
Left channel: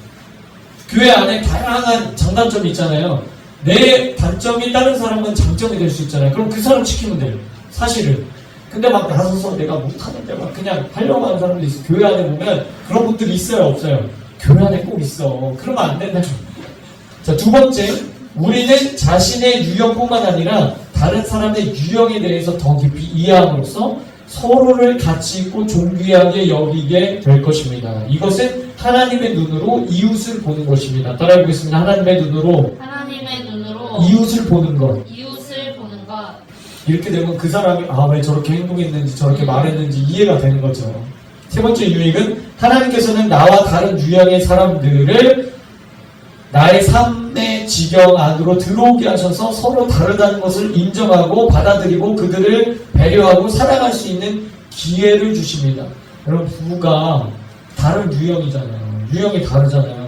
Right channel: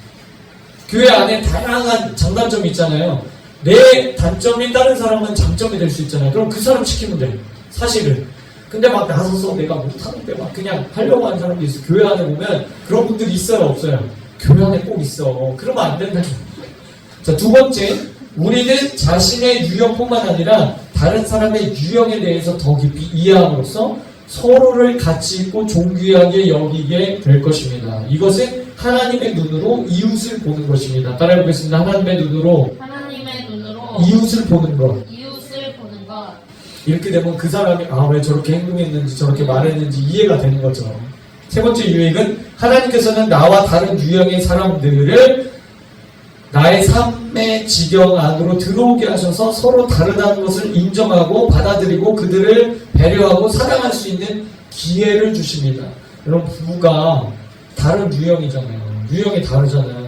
교회 안에 다양한 장단점이 있잖아요. 내 단점이 다른 사람은 장점이 될 수 있잖아요. 그럼 그 사람 시키면 돼. 사실은. 근데 막 나서서 내가 못하는데 막 그냥 하려고 하는 사람도 있어. 교회 안에 보면 그런 분들이 있어요, 없어요? 교회 안에 꼭 있어. 그러면 안 된다. 자, 2번째, 우리는 자신의 유형뿐만 아니라 다른 사람의 유형에 대해서 더 깊이 이해함으로써 서로를 가치 있고 존귀하게 여기게 될 것입니다. 이것은 하나님의 눈으로 이웃을 보는 것입니다. 따라해보겠습니다. 하나님의 눈으로 이웃을 보는 것. 이렇게 되면 그 사람이 왜 저렇게 행동했는지 저렇게 말했는지 이해가 되는 거죠. 3번째 유익은 하나님께서는 나와 다른 유형의 사람들을 나의 삶의 지경 안으로 들어오게 하셔서 서로 다르다는 것을 인정하고 받아들이고 그들을 배려하고 사랑할 수 있는 기회를 주십니다. 여러분, 부부가 다른 유형이잖아요. 유형이 다르잖아요.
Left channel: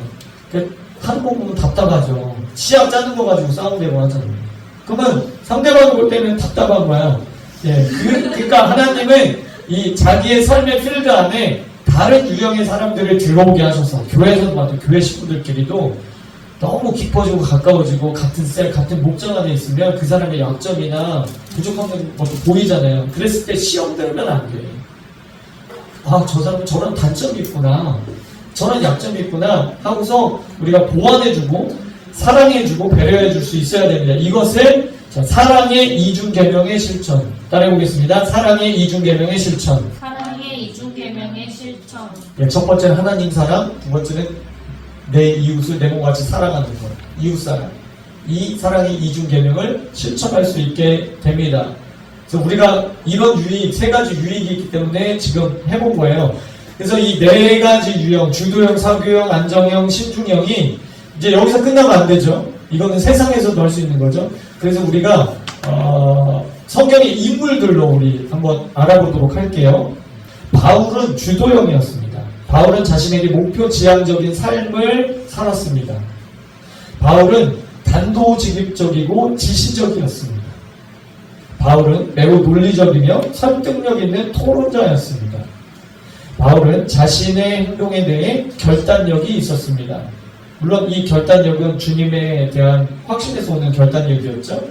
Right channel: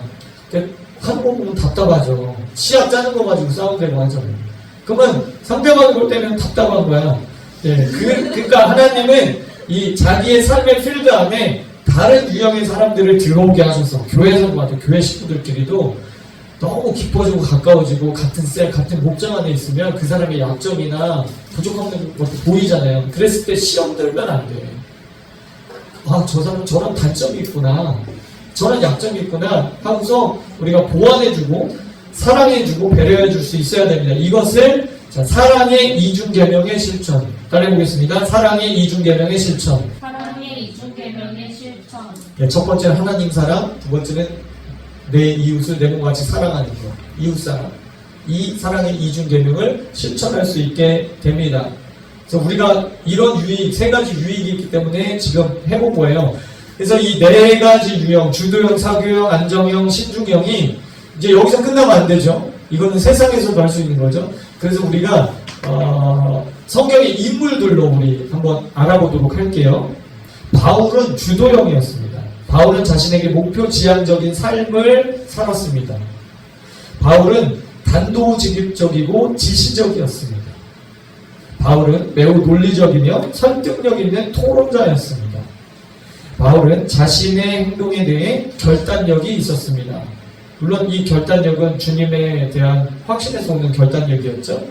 하는 거 보면 답답하죠. 시합 짜는 거 가지고 싸우려고 하잖아요. 그러면 상대방이 볼 때는 답답한 거야. 예, 그러니까 하나님은 이 자기의 삶의 필드 안에 다른 유형의 사람들을 들어오게 하셔서, 교회에서도 맞아요. 교회 식구들끼리도 너무 깊어지고 가까워지고 같은 셀, 같은 목장 안에 있으면 그 사람의 약점이나 부족한 것도 보이잖아요. 그랬을 때 시험 들면 안 돼. 저 사람은 저런 단점이 있구나, 저런 약점이 있구나 하고서 우리가 보완해주고 사랑해주고 배려해줄 수 있어야 됩니다. 이것을 사랑의 이중계명의 실천. 따라해보겠습니다. 사랑의 이중계명의 실천. 예, 첫 번째는 하나님 사랑, 2번째는 내 이웃을 내 몸같이 사랑하는 것. 이웃사랑. 이 사랑의 이중계명을 실천할 수 있게 됩니다. 그래서 우리가 이런 유익, 3가지 유익이 있기 때문에 지금 해본 거예요. 그래서 이 4가지 유형, 주도형, 사교형, 안정형, 신중형이 이제 여기서 끝나면 안 되죠. 이거는 세상에서도 할 수 있는 거죠. 그래서 우리가 성경의 인물들로 우리 한번 알아보도록 할게요. 바울은 주도형이었습니다. 바울은 자신에게 목표 지향적인 삶을 살았습니다. 바울은 단도직입적이고 지시적이었습니다. 바울은 매우 논리적이며 설득력 있는 토론자였습니다. 바울은 자신의 행동에 대해 결단력이 있었습니다. 물론 이 결단력은 주님에 대한 확신에서 오는 결단력이었죠.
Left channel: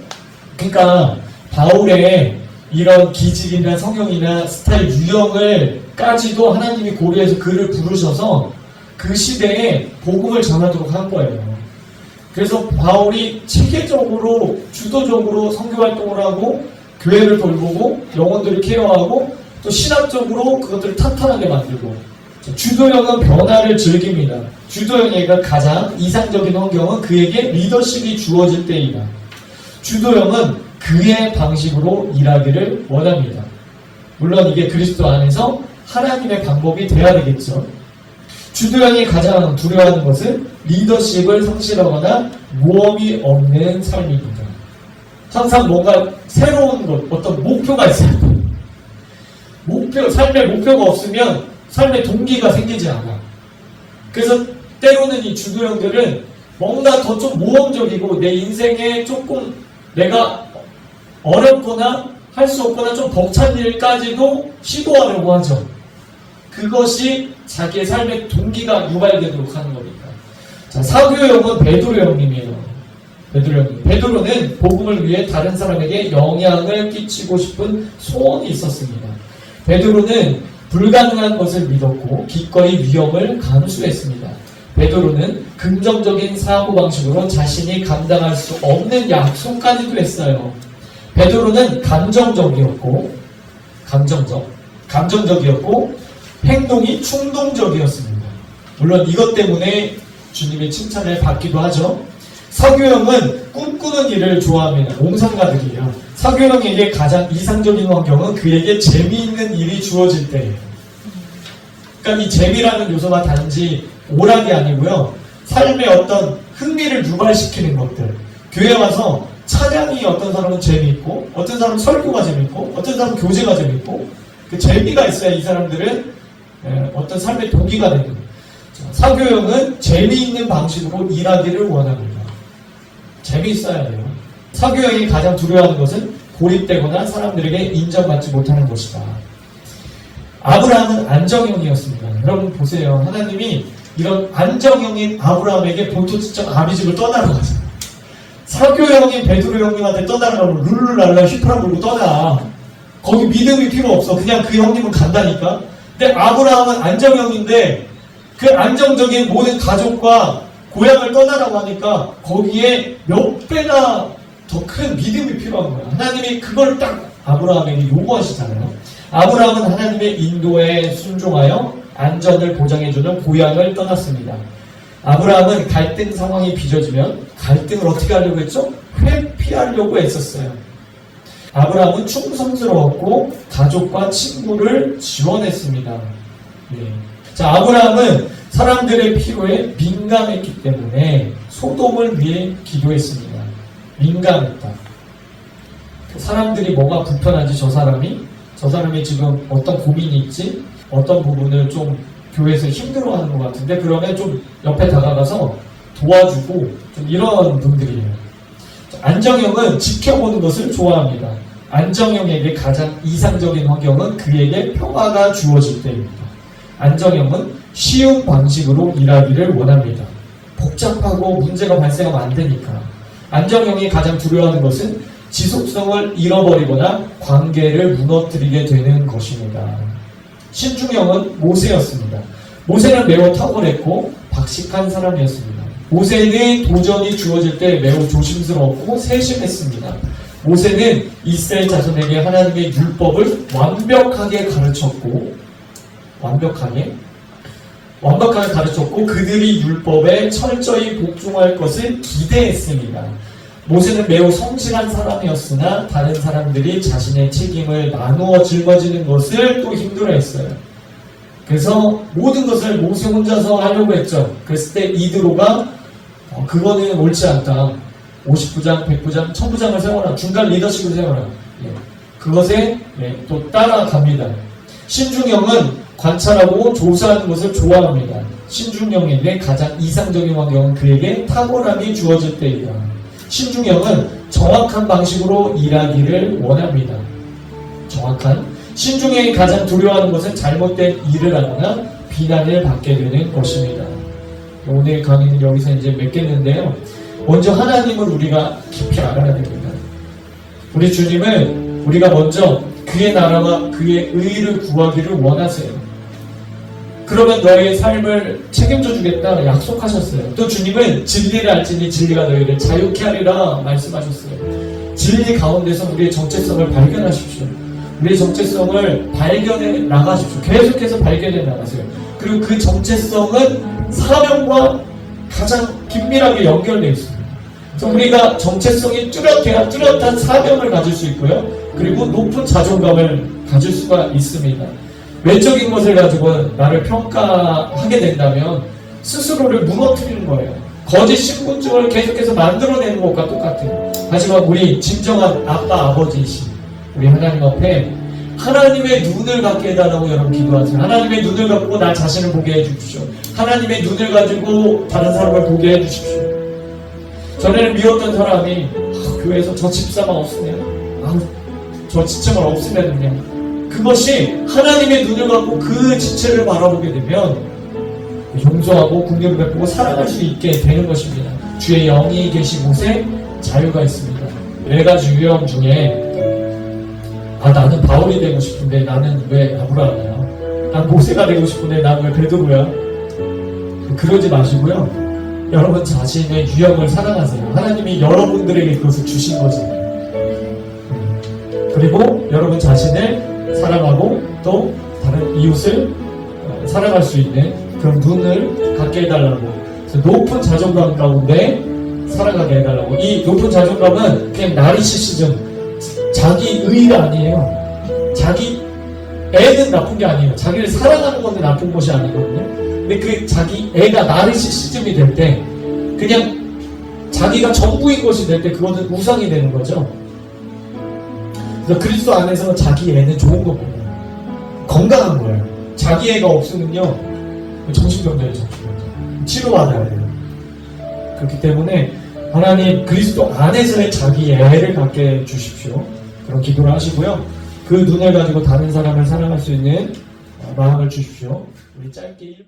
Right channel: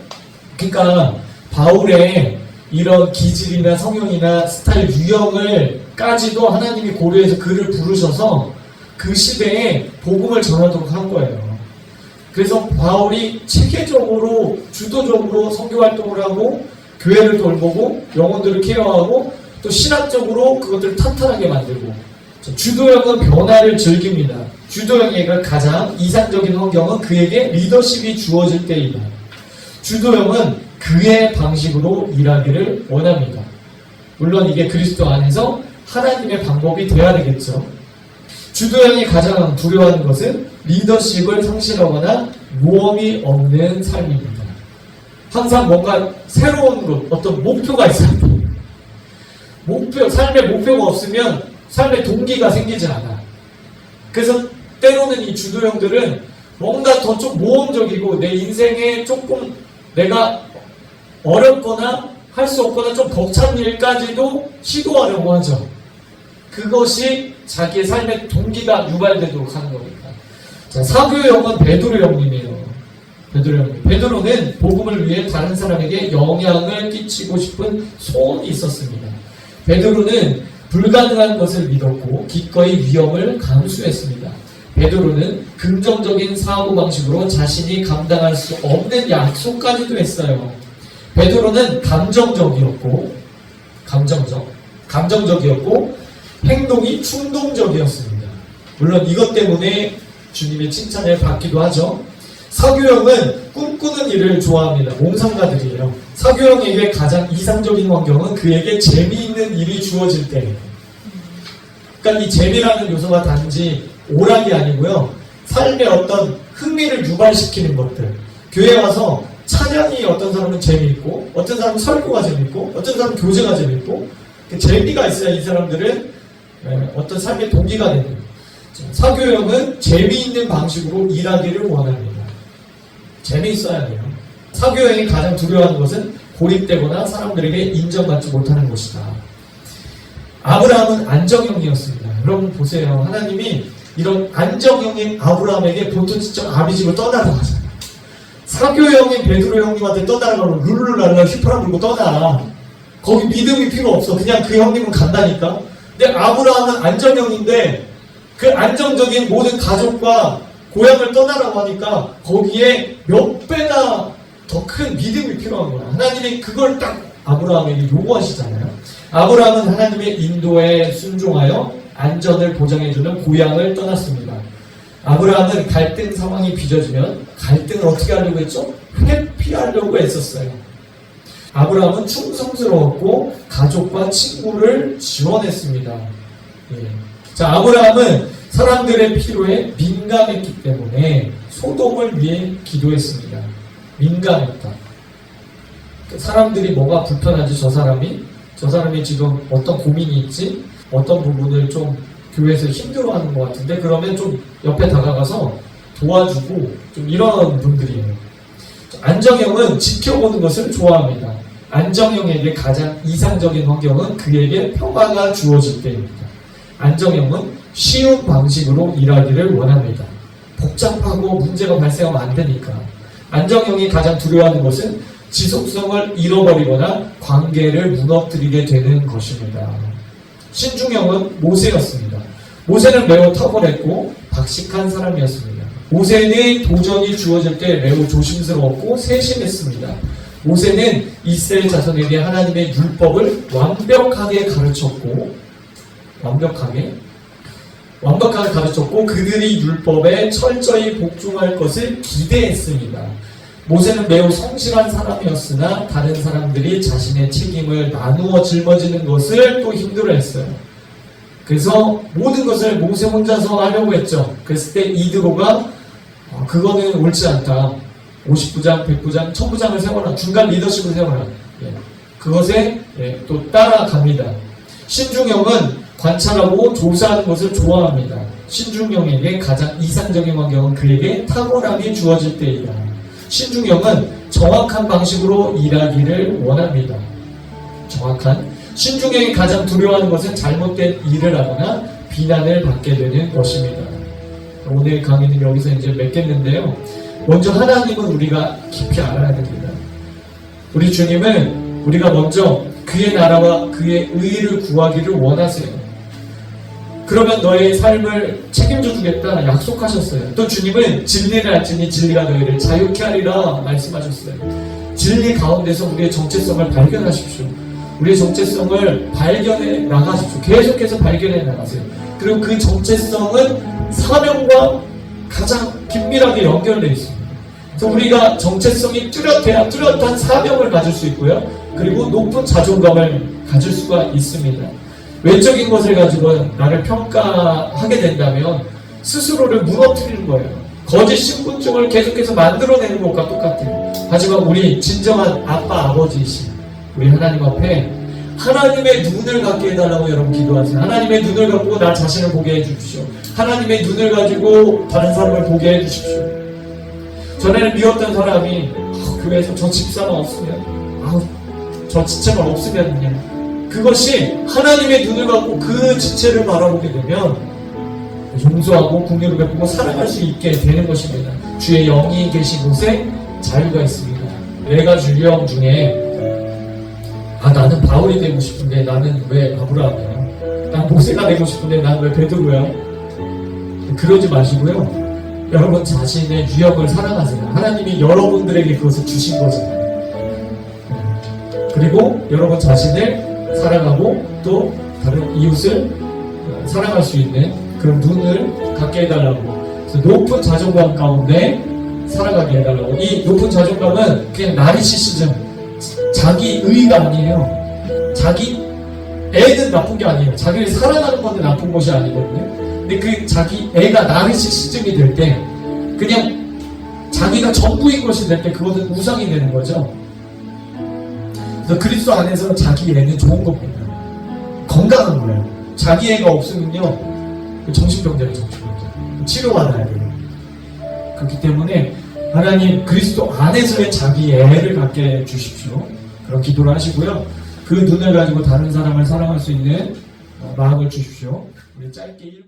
그러니까 바울의 이런 기질이나 성형이나 스타일 유형을까지도 하나님이 고려해서 그를 부르셔서 그 시대에 복음을 전하도록 한 거예요. 그래서 바울이 체계적으로 주도적으로 선교 활동을 하고 교회를 돌보고 영혼들을 케어하고 또 신학적으로 그것들을 탄탄하게 만들고, 주도형은 변화를 즐깁니다. 주도형에게 가장 이상적인 환경은 그에게 리더십이 주어질 때이다. 주도형은 그의 방식으로 일하기를 원합니다. 물론 이게 그리스도 안에서 하나님의 방법이 돼야 되겠죠. 주도형이 가장 두려워하는 것은 리더십을 상실하거나 모험이 없는 삶입니다. 항상 뭔가 새로운 것, 어떤 목표가 있어야 돼요. 삶의 목표가 없으면 삶의 동기가 생기지 않아. 그래서 때로는 이 주도형들은 뭔가 더 좀 모험적이고 내 인생에 조금 내가 어렵거나 할 수 없거나 좀 벅찬 일까지도 시도하려고 하죠. 그것이 자기의 삶의 동기가 유발되도록 하는 겁니다. 자, 사교형은 베드로 형님이에요. 베드로는 복음을 위해 다른 사람에게 영향을 끼치고 싶은 소원이 있었습니다. 베드로는 불가능한 것을 믿었고 기꺼이 위험을 감수했습니다. 베드로는 긍정적인 사고방식으로 자신이 감당할 수 없는 약속까지도 했어요. 베드로는 감정적이었고 행동이 충동적이었습니다. 물론 이것 때문에 주님의 칭찬을 받기도 하죠. 사교형은 꿈꾸는 일을 좋아합니다. 몽상가들이에요. 사교형에게 가장 이상적인 환경은 그에게 재미있는 일이 주어질 때예요. 그러니까 이 재미라는 요소가 단지 오락이 아니고요. 삶의 어떤 흥미를 유발시키는 것들. 교회 와서 찬양이 어떤 사람은 재미있고 어떤 사람은 설교가 재미있고 어떤 사람은 교제가 재미있고 그 재미가 있어야 이 사람들은 어떤 삶의 동기가 되는. 사교형은 재미있는 방식으로 일하기를 원합니다. 재미있어야 돼요. 사교형이 가장 두려워하는 것은 고립되거나 사람들에게 인정받지 못하는 것이다. 아브라함은 안정형이었습니다. 여러분 보세요. 하나님이 이런 안정형인 아브라함에게 본토지점 아비집을 떠나라고 하잖아요. 사교형인 베드로 형님한테 떠나라고 하면 룰루랄라 휘파람 불고 떠나. 거기 믿음이 필요 없어. 그냥 그 형님은 간다니까. 근데 아브라함은 안정형인데 그 안정적인 모든 가족과 고향을 떠나라고 하니까 거기에 몇 배나 더 큰 믿음이 필요한 거야. 하나님이 그걸 딱 아브라함에게 요구하시잖아요. 아브라함은 하나님의 인도에 순종하여 안전을 보장해주는 고향을 떠났습니다. 아브라함은 갈등 상황이 빚어지면 갈등을 어떻게 하려고 했죠? 회피하려고 했었어요. 아브라함은 충성스러웠고 가족과 친구를 지원했습니다. 예. 자, 아브라함은 사람들의 필요에 민감했기 때문에 소돔을 위해 기도했습니다. 민감했다. 사람들이 뭐가 불편한지 저 사람이 지금 어떤 고민이 있지? 어떤 부분을 좀 교회에서 힘들어하는 것 같은데 그러면 좀 옆에 다가가서 도와주고 좀 이런 분들이에요. 안정형은 지켜보는 것을 좋아합니다. 안정형에게 가장 이상적인 환경은 그에게 평화가 주어질 때입니다. 안정형은 쉬운 방식으로 일하기를 원합니다. 복잡하고 문제가 발생하면 안 되니까. 안정형이 가장 두려워하는 것은 지속성을 잃어버리거나 관계를 무너뜨리게 되는 것입니다. 신중형은 모세였습니다. 모세는 매우 탁월했고 박식한 사람이었습니다. 모세는 도전이 주어질 때 매우 조심스러웠고 세심했습니다. 모세는 이스라엘 자손에게 하나님의 율법을 완벽하게 가르쳤고 그들이 율법에 철저히 복종할 것을 기대했습니다. 모세는 매우 성실한 사람이었으나 다른 사람들이 자신의 책임을 나누어 짊어지는 것을 또 힘들어했어요. 그래서 모든 것을 모세 혼자서 하려고 했죠. 그랬을 때 이드로가 그거는 옳지 않다. 50부장, 100부장, 1000부장을 세워라. 중간 리더십을 세워라. 그것에 또 따라갑니다. 신중형은 관찰하고 조사하는 것을 좋아합니다. 신중형에게 가장 이상적인 환경은 그에게 탁월함이 주어질 때이다. 신중형은 정확한 방식으로 일하기를 원합니다. 정확한. 신중형이 가장 두려워하는 것은 잘못된 일을 하거나 비난을 받게 되는 것입니다. 오늘 강의는 여기서 이제 맺겠는데요. 먼저 하나님은 우리가 깊이 알아야 됩니다. 우리 주님은 우리가 먼저 그의 나라와 그의 의를 구하기를 원하세요. 그러면 너의 삶을 책임져 주겠다 약속하셨어요. 또 주님은 진리를 알지니 진리가 너희를 자유케 하리라 말씀하셨어요. 진리 가운데서 우리의 정체성을 발견하십시오. 우리의 정체성을 발견해 나가십시오. 계속해서 발견해 나가세요. 그리고 그 정체성은 사명과 가장 긴밀하게 연결되어 있습니다. 그래서 우리가 정체성이 뚜렷해야 뚜렷한 사명을 가질 수 있고요. 그리고 높은 자존감을 가질 수가 있습니다. 외적인 것을 가지고 나를 평가하게 된다면 스스로를 무너뜨리는 거예요. 거짓 신분증을 계속해서 만들어내는 것과 똑같아요. 하지만 우리 진정한 아빠, 아버지이신 우리 하나님 앞에 하나님의 눈을 갖게 해달라고 여러분 기도하세요. 하나님의 눈을 갖고 나 자신을 보게 해주십시오. 하나님의 눈을 가지고 다른 사람을 보게 해주십시오. 전에는 미웠던 사람이 교회에서 저 집사만 없으면 저 지체만 없으면 그냥 그것이 하나님의 눈을 갖고 그 지체를 바라보게 되면 용서하고 긍휼을 베푸고 사랑할 수 있게 되는 것입니다. 주의 영이 계신 곳에 자유가 있습니다. 4가지 유형 중에 나는 바울이 되고 싶은데 나는 왜 아브라함이야? 난 모세가 되고 싶은데 난 왜 베드로야? 그러지 마시고요. 여러분 자신의 유형을 사랑하세요. 하나님이 여러분들에게 그것을 주신 거지. 그리고 여러분 자신을 사랑하고 또 다른 이웃을 사랑할 수 있는 그런 눈을 갖게 해달라고. 그래서 높은 자존감 가운데 살아가게 해달라고. 이 높은 자존감은 그냥 나리시시즘, 자기 의가 아니에요. 자기 애는 나쁜 게 아니에요. 자기를 사랑하는 건데 나쁜 것이 아니거든요. 근데 그 자기 애가 나르시시즘이 될 때 그냥 자기가 전부인 것이 될 때 그것은 우상이 되는 거죠. 그래서 그리스도 안에서 자기 애는 좋은 겁니다. 건강한 거예요. 자기 애가 없으면요 정신병자예요. 치료받아야 돼요. 그렇기 때문에 하나님 그리스도 안에서의 자기 애를 갖게 해주십시오. 그런 기도를 하시고요. 그 눈을 가지고 다른 사람을 사랑할 수 있는 마음을 주십시오. 우리 짧게